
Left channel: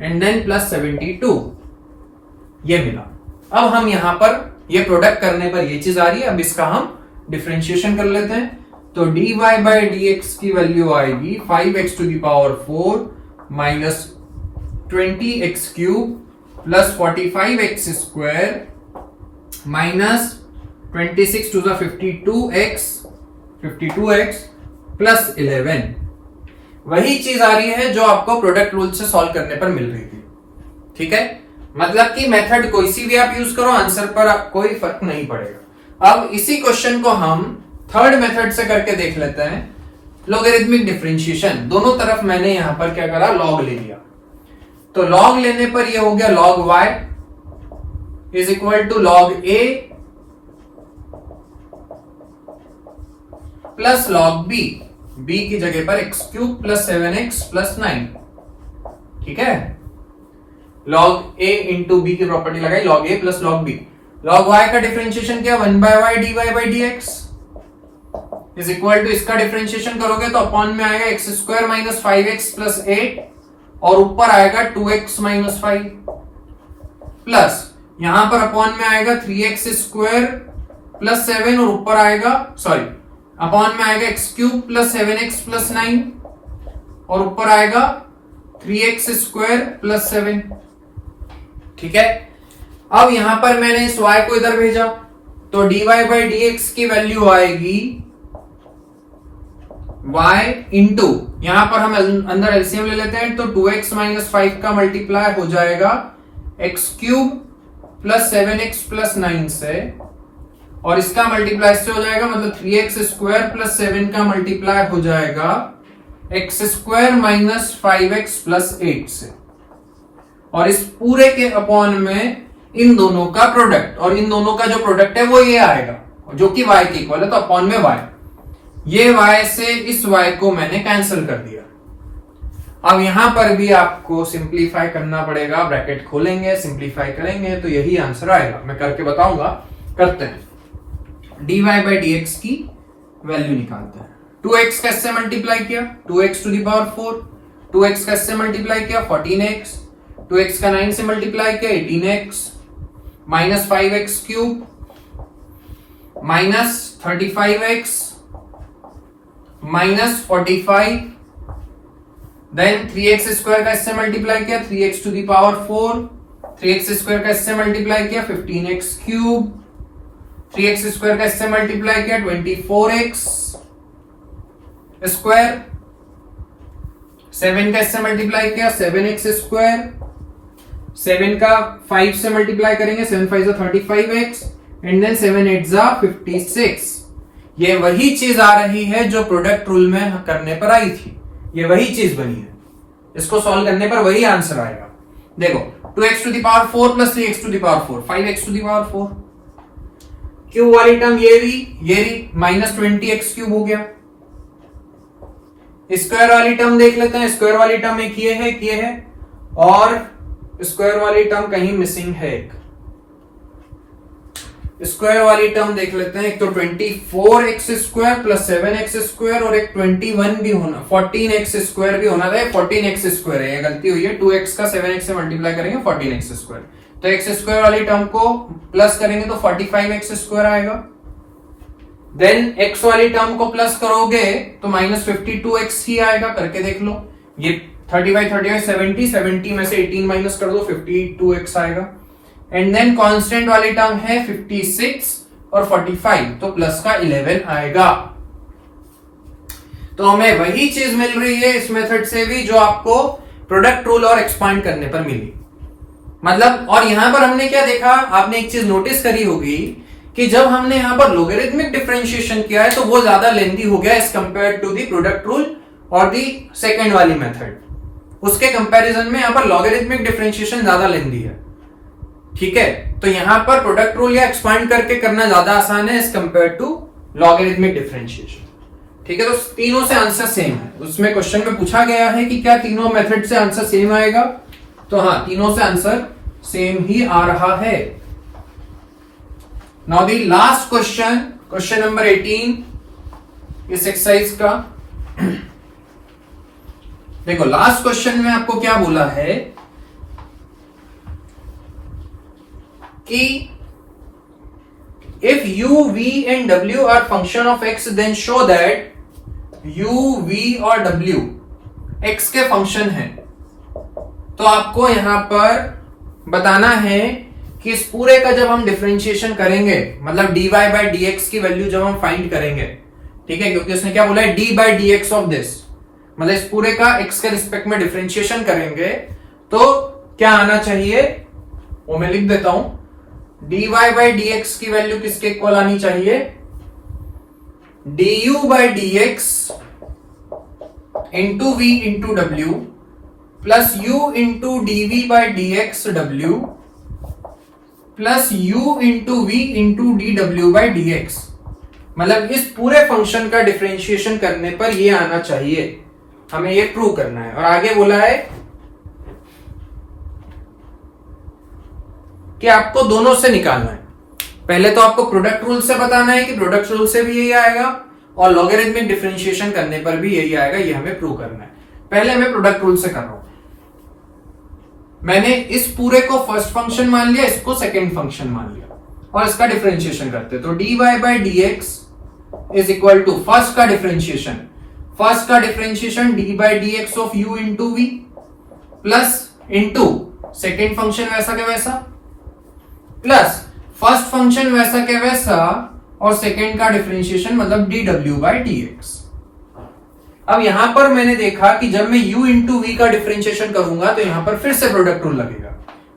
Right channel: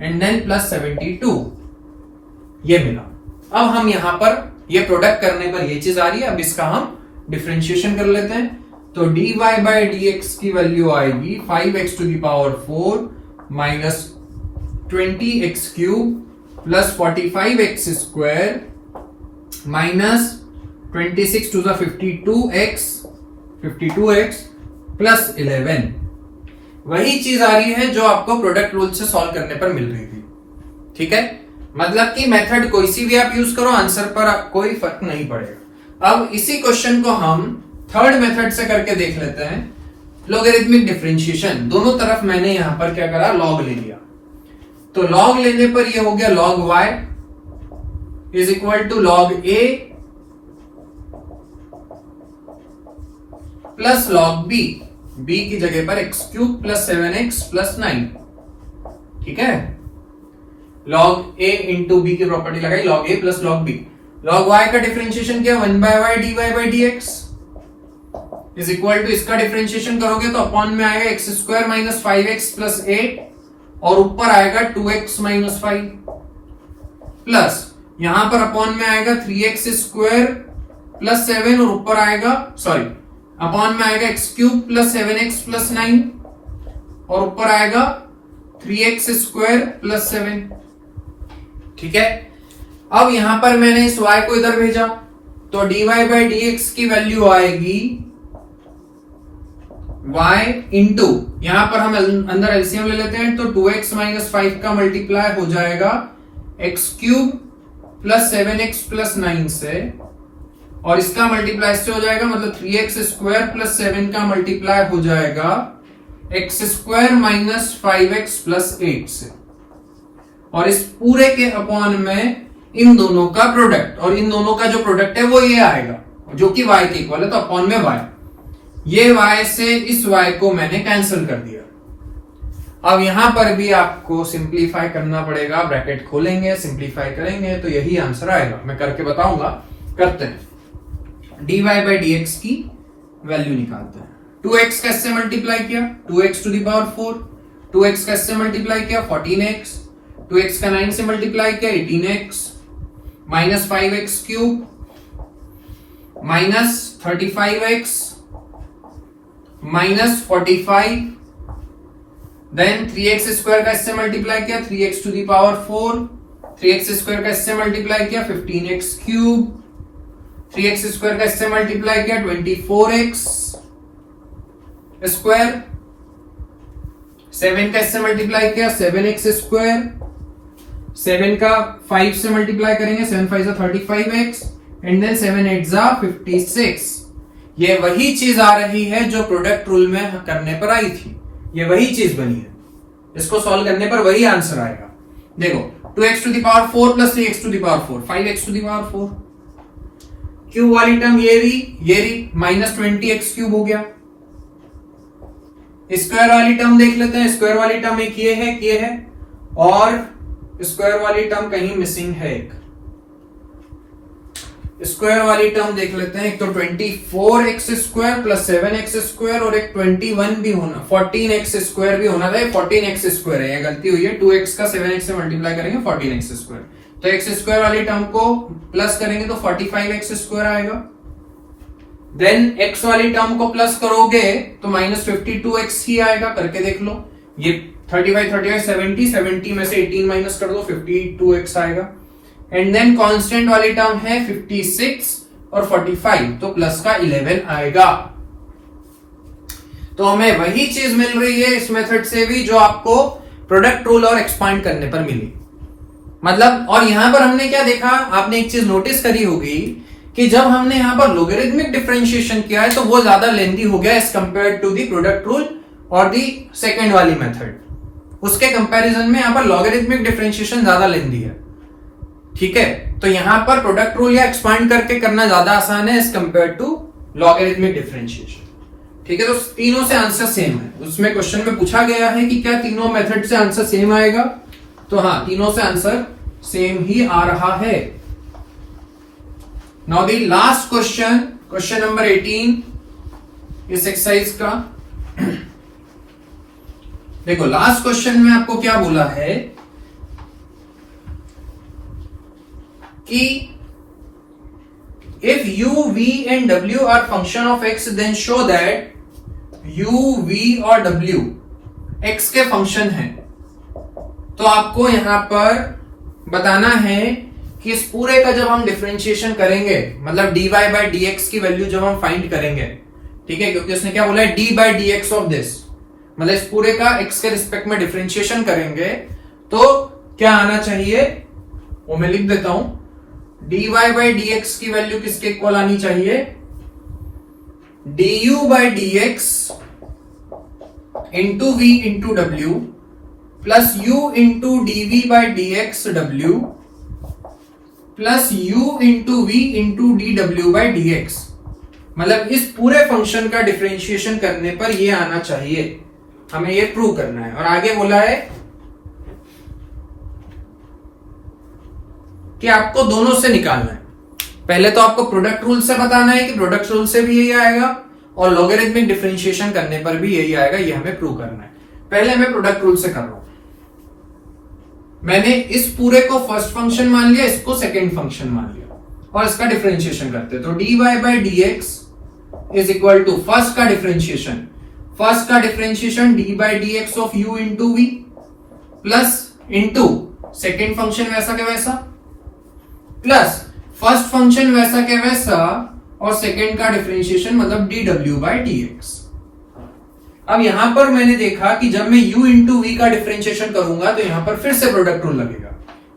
and then plus 72, ये मिला। अब हम यहां पर ये प्रोडक्ट करने पर ये चीज आ रही है, अब इसका हम डिफरेंशिएशन कर लेते हैं। तो dy बाई dx की वैल्यू आएगी 5x to the power 4 minus 20x cube plus 45x square minus 26 to the 52x plus 11। वही चीज आ रही है जो आपको प्रोडक्ट रूल से सॉल्व करने पर मिल रही थी। ठीक है, मतलब कि मेथड कोई सी भी आप यूज करो, आंसर पर कोई फर्क नहीं पड़ेगा। अब इसी क्वेश्चन को हम थर्ड मेथड से करके देख लेते हैं, लॉगरिथमिक डिफरेंशिएशन। दोनों तरफ मैंने यहां पर क्या करा, लॉग ले लिया। तो लॉग लेने पर ये हो गया log y is equal to log a plus log b, b की जगह पर x cube plus 7x plus 9। ठीक है, log a इंटू b की प्रॉपर्टी लगाई, log a plus log b। log y का डिफरेंशिएशन किया 1 by y dy by dx is equal to, इसका डिफरेंशिएशन करोगे तो अपॉन में आएगा x square minus 5x plus 8 और ऊपर आएगा 2x माइनस 5 प्लस यहां पर अपॉन में आएगा 3x स्क्वायर प्लस 7 और ऊपर आएगा अपॉन में आएगा x cube plus 7x plus 9 और ऊपर आएगा 3x स्क्वायर प्लस 7। ठीक है, अब यहां पर मैंने इस y को इधर भेजा तो dy बाई dx की वैल्यू आएगी y इंटू, यहां पर हम अंदर एलसीएम ले लेते हैं तो 2x माइनस 5 का मल्टीप्लाई हो जाएगा x cube plus 7x plus 9 से, और इसका मल्टीप्लाई से हो जाएगा मतलब 3x स्क्वायर प्लस 7 का मल्टीप्लाई हो जाएगा x square minus 5x plus 8 से, और इस पूरे के अपॉन में इन दोनों का प्रोडक्ट, और इन दोनों का जो प्रोडक्ट है वो ये आएगा जो कि y के इक्वल है, तो अपॉन में y, ये y से इस y को मैंने कैंसिल कर दिया। अब यहां पर भी आपको सिंप्लीफाई करना पड़ेगा, ब्रैकेट खोलेंगे सिंप्लीफाई करेंगे तो यही आंसर आएगा। मैं करके बताऊंगा, करते हैं। dy बाई dx की वैल्यू निकालते हैं। 2x का इससे मल्टीप्लाई किया 2x to the power 4, 2x का इससे मल्टीप्लाई किया 14x, 2x का 9 से मल्टीप्लाई किया 18x minus 5x cube minus 35x minus 45, then 3x square का इससे मल्टीप्लाई किया 3x to the power 4, 3x square का इससे मल्टीप्लाई किया 15x क्यूब, 3x स्क्वायर का इससे मल्टीप्लाई किया 24x स्क्वायर, 7 का इससे मल्टीप्लाई किया 7x स्क्वायर, 7 का 5 से मल्टीप्लाई करेंगे 7 5 35x एंड देन 7 8 56। ये वही चीज आ रही है जो प्रोडक्ट रूल में करने पर आई थी, ये वही चीज बनी है, इसको सॉल्व करने पर वही आंसर आएगा। देखो 2x to the power 4 plus 3x to the power 4, 5x to the power 4, cube वाली टर्म ये भी माइनस 20x क्यूब हो गया। स्क्वायर वाली टर्म देख लेते हैं, स्क्वायर वाली टर्म एक ये है और स्क्वायर वाली टर्म कहीं मिसिंग है। एक स्क्वायर वाली टर्म देख लेते हैं, एक तो 24x square plus 7x square और एक 21 भी होना, 14x स्क्वायर भी होना था, 14x स्क्वायर है, गलती हुई है, 2x का 7x से मल्टीप्लाई करेंगे 14x स्क्वायर, तो x स्क्वायर वाली टर्म को प्लस करेंगे तो 45x स्क्वायर आएगा। देन x वाली टर्म को प्लस करोगे तो माइनस 52x ही आएगा, करके देख लो, ये 35 70 में से 18 माइनस कर दो 52x आएगा। एंड देन कांस्टेंट वाली टर्म है 56 और 45, तो प्लस का 11 आएगा। तो हमें वही चीज मिल रही है इस मेथड से भी जो आपको प्रोडक्ट रूल और एक्सपांड करने पर मिली। मतलब और यहां पर हमने क्या देखा, आपने एक चीज नोटिस करी होगी कि जब हमने यहां पर लोगरिथमिक डिफरेंशिएशन किया है तो वो ज्यादा लेंथी हो गया as compare to the product rule और दी सेकेंड वाली मेथड। उसके कंपैरिजन में यहां पर लॉगरिथमिक डिफरेंशिएशन ज्यादा लेंथी है, ठीक है। तो यहां पर प्रोडक्ट रूल या एक्सपांड करके करना ज्यादा आसान है as compare to logarithmic differentiation, ठीक है। तो तीनों से आंसर सेम है, उसमें क्वेश्चन में पूछा गया है कि क्या तीनों मेथड से आंसर सेम आएगा, तो हाँ तीनों से आंसर सेम ही आ रहा है। Now the last question, question number 18 इस एक्सरसाइज का। देखो लास्ट क्वेश्चन में आपको क्या बोला है कि if u, v and w are function of x then show that u, v और w x के फंक्शन है। तो आपको यहां पर बताना है कि इस पूरे का जब हम डिफरेंशिएशन करेंगे, मतलब dy by dx की वैल्यू जब हम फाइंड करेंगे, ठीक है, क्योंकि उसने क्या बोला है d by dx of this, मतलब इस पूरे का x के रिस्पेक्ट में डिफरेंशिएशन करेंगे तो क्या आना चाहिए, वो मैं लिख देता हूं, dy by dx की वैल्यू किसके इक्वल आनी चाहिए, du by dx into v into w plus u into dv by dx w plus u into v into dw by dx। मतलब इस पूरे फंक्शन का डिफरेंशिएशन करने पर ये आना चाहिए, हमें ये प्रूव करना है। और आगे बोला है कि आपको दोनों से निकालना है। पहले तो आपको प्रोडक्ट रूल से बताना है कि प्रोडक्ट रूल से भी यही आएगा और लॉगरिथमिक डिफरेंशिएशन करने पर भी यही आएगा, ये हमें प्रूव करना है। पहले मैं प्रोडक्ट रूल से कर रहा हूं। मैंने इस पूरे को फर्स्ट फंक्शन मान लिया, इसको सेकंड फंक्शन मान लिया और इसका डिफरेंशिएशन करते, तो dy by dx is equal to first का differentiation d by dx of u into v plus into second function वैसा के वैसा प्लस फर्स्ट फंक्शन वैसा के वैसा और सेकेंड का डिफरेंशिएशन मतलब dw by dx। अब यहां पर मैंने देखा कि जब मैं u इंटू v का डिफरेंशिएशन करूंगा तो यहां पर फिर से प्रोडक्ट रूल लगेगा,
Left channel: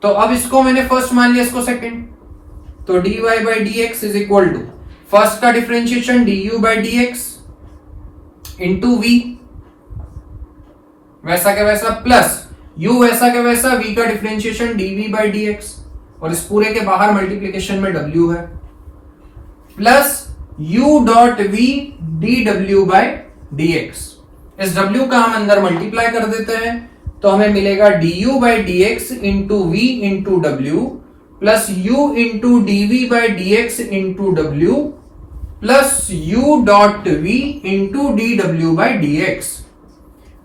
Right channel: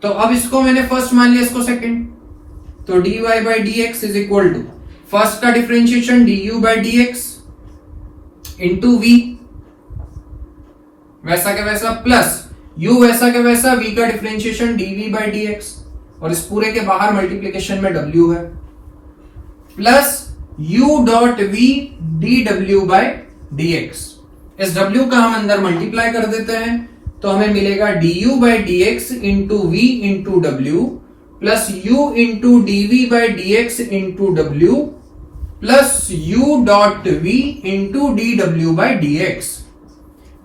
तो अब इसको मैंने फर्स्ट मान लिया, इसको सेकेंड, तो dy by dx is equal to first का differentiation du by dx into v वैसा के वैसा प्लस u वैसा के वैसा v का डिफरेंशिएशन dv by dx और इस पूरे के बाहर मल्टीप्लिकेशन में w है plus u dot v dw by dx। इस w का हम अंदर मल्टीप्लाई कर देते हैं तो हमें मिलेगा du by dx into v into w plus u into dv by dx into w plus u dot v into dw by dx।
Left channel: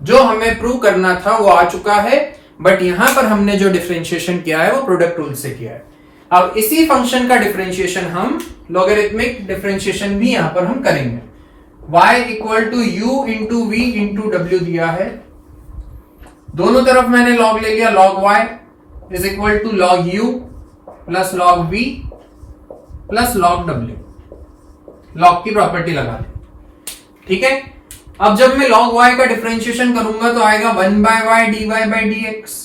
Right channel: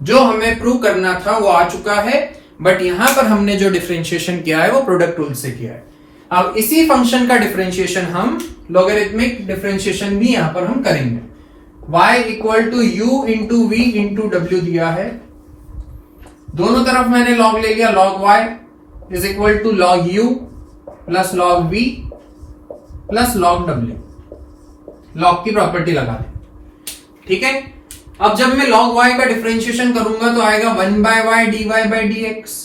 जो हमें प्रूव करना था वो आ चुका है, बट यहां पर हमने जो डिफरेंशिएशन किया है वो प्रोडक्ट रूल से किया है। अब इसी फंक्शन का डिफरेंशिएशन हम लॉगरिथमिक डिफरेंशिएशन भी यहां पर हम करेंगे। y equal to u into v into डब्ल्यू दिया है, दोनों तरफ मैंने लॉग ले लिया, log y is equal to log u प्लस log v plus log w, log की प्रॉपर्टी लगा दें, ठीक है। अब जब मैं log y का डिफरेंशिएशन करूंगा तो आएगा 1 by y d y by d x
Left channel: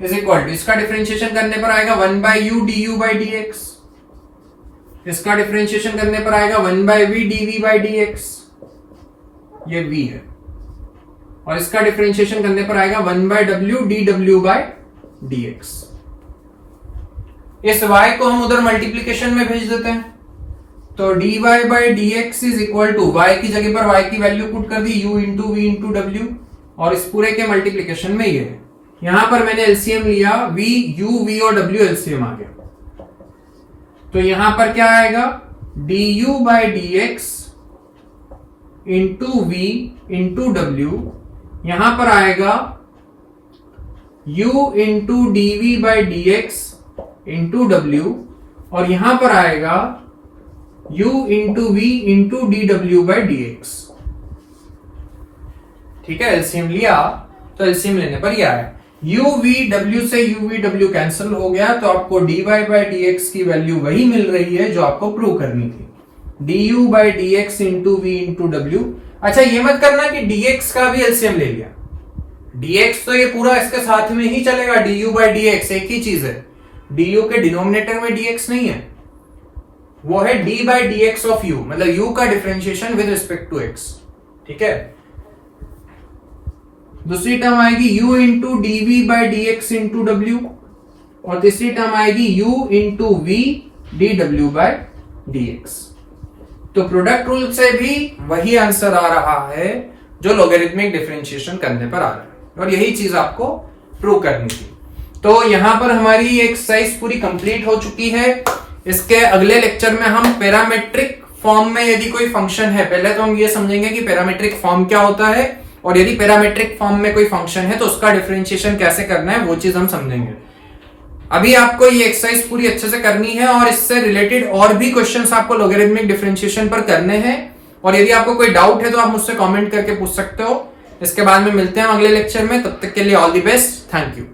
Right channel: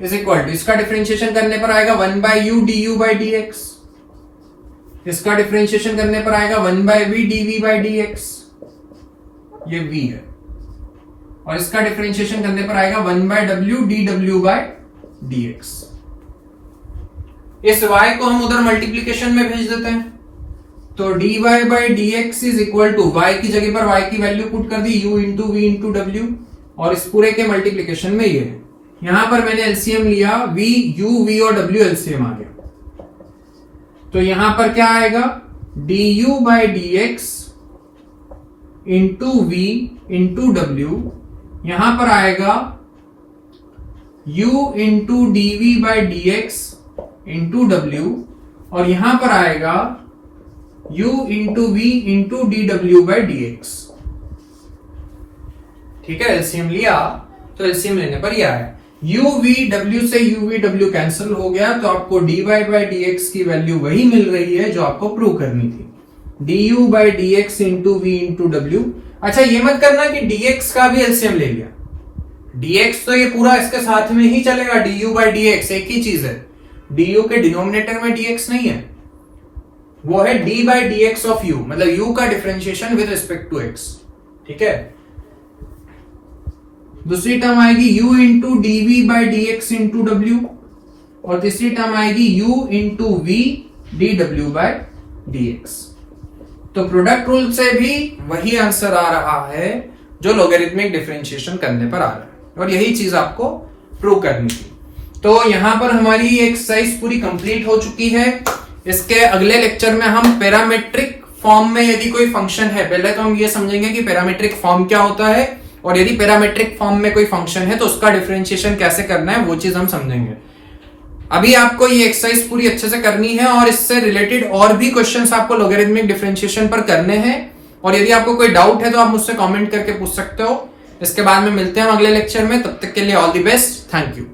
is equal to, इसका डिफरेंशिएशन करने पर आएगा 1 by u d u by d x, इसका डिफरेंशिएशन करने पर आएगा 1 by v d v by d x, ये v है, और इसका डिफरेंशिएशन करने पर आएगा 1 बाय डब्ल्यू डी डब्ल्यू बाई डी एक्स। इस y को हम उधर मल्टीप्लीकेशन में भेज देते हैं, तो dy by d x is equal to, y की जगह पर y की वैल्यू पुट कर दी, u इंटू वी इंटू डब्ल्यू, और इस पूरे के मल्टीप्लीकेशन में ये है। यहां पर मैंने एलसीएम लिया, v u v और w एलसीएम आ गया, तो यहां पर क्या आएगा, du by d x into v into डब्ल्यू, यहां पर आएगा u into d v by d x into डब्ल्यू, और यहां पर आएगा u into v into d डब्ल्यू बाई डी एक्स, ठीक है। एलसीएम लिया, तो एलसीएम लेने पर यह है, u v w से u v w कैंसिल हो गया, तो आपको dy बाई डी एक्स की वैल्यू वही मिल रही है जो आपको प्रूव करनी थी, du by d x into v into डब्ल्यू। अच्छा, ये मत करना कि dx का भी एलसीएम ले लिया, dx तो ये पूरा इसके साथ में ही चलेगा, du बाई डी एक्स एक ही चीज है, du के डिनोमिनेटर में dx नहीं है, वो है d by d x of u, मतलब u का differentiation with respect to x, ठीक है। दूसरी टर्म आएगी u into d v by d x into डब्ल्यू, और तीसरी टर्म आएगी u इंटू वी डी डब्ल्यू बाई डी एक्स। तो प्रोडक्ट रूल से भी वही आंसर आ रहा है जो लॉगरिथमिक डिफरेंशिएशन करने पर आ रहा है, और यही चीज आपको प्रूव करनी थी। तो यहां पर हमारी एक्सरसाइज पूरी कंप्लीट हो चुकी है। इसके अगले लेक्चर में हम पैरामेट्रिक फॉर्म में यदि कोई फंक्शन है, पहले तो हम ये समझेंगे कि पैरामेट्रिक फॉर्म क्या होता है, और यदि पैरामेट्रिक फॉर्म में कोई फंक्शन है तो उसका डिफरेंशिएशन कैसे करना है, वो चीज हम समझेंगे। अभी आपको ये एक्सरसाइज पूरी अच्छे से करनी है, और इससे रिलेटेड और भी क्वेश्चंस आपको लॉगरिथमिक डिफरेंशिएशन पर करने हैं, और यदि आपको कोई डाउट है तो आप मुझसे कमेंट करके पूछ सकते हो। इसके बाद में मिलते हैं हम अगले लेक्चर में, तब तक के लिए all the best, thank you.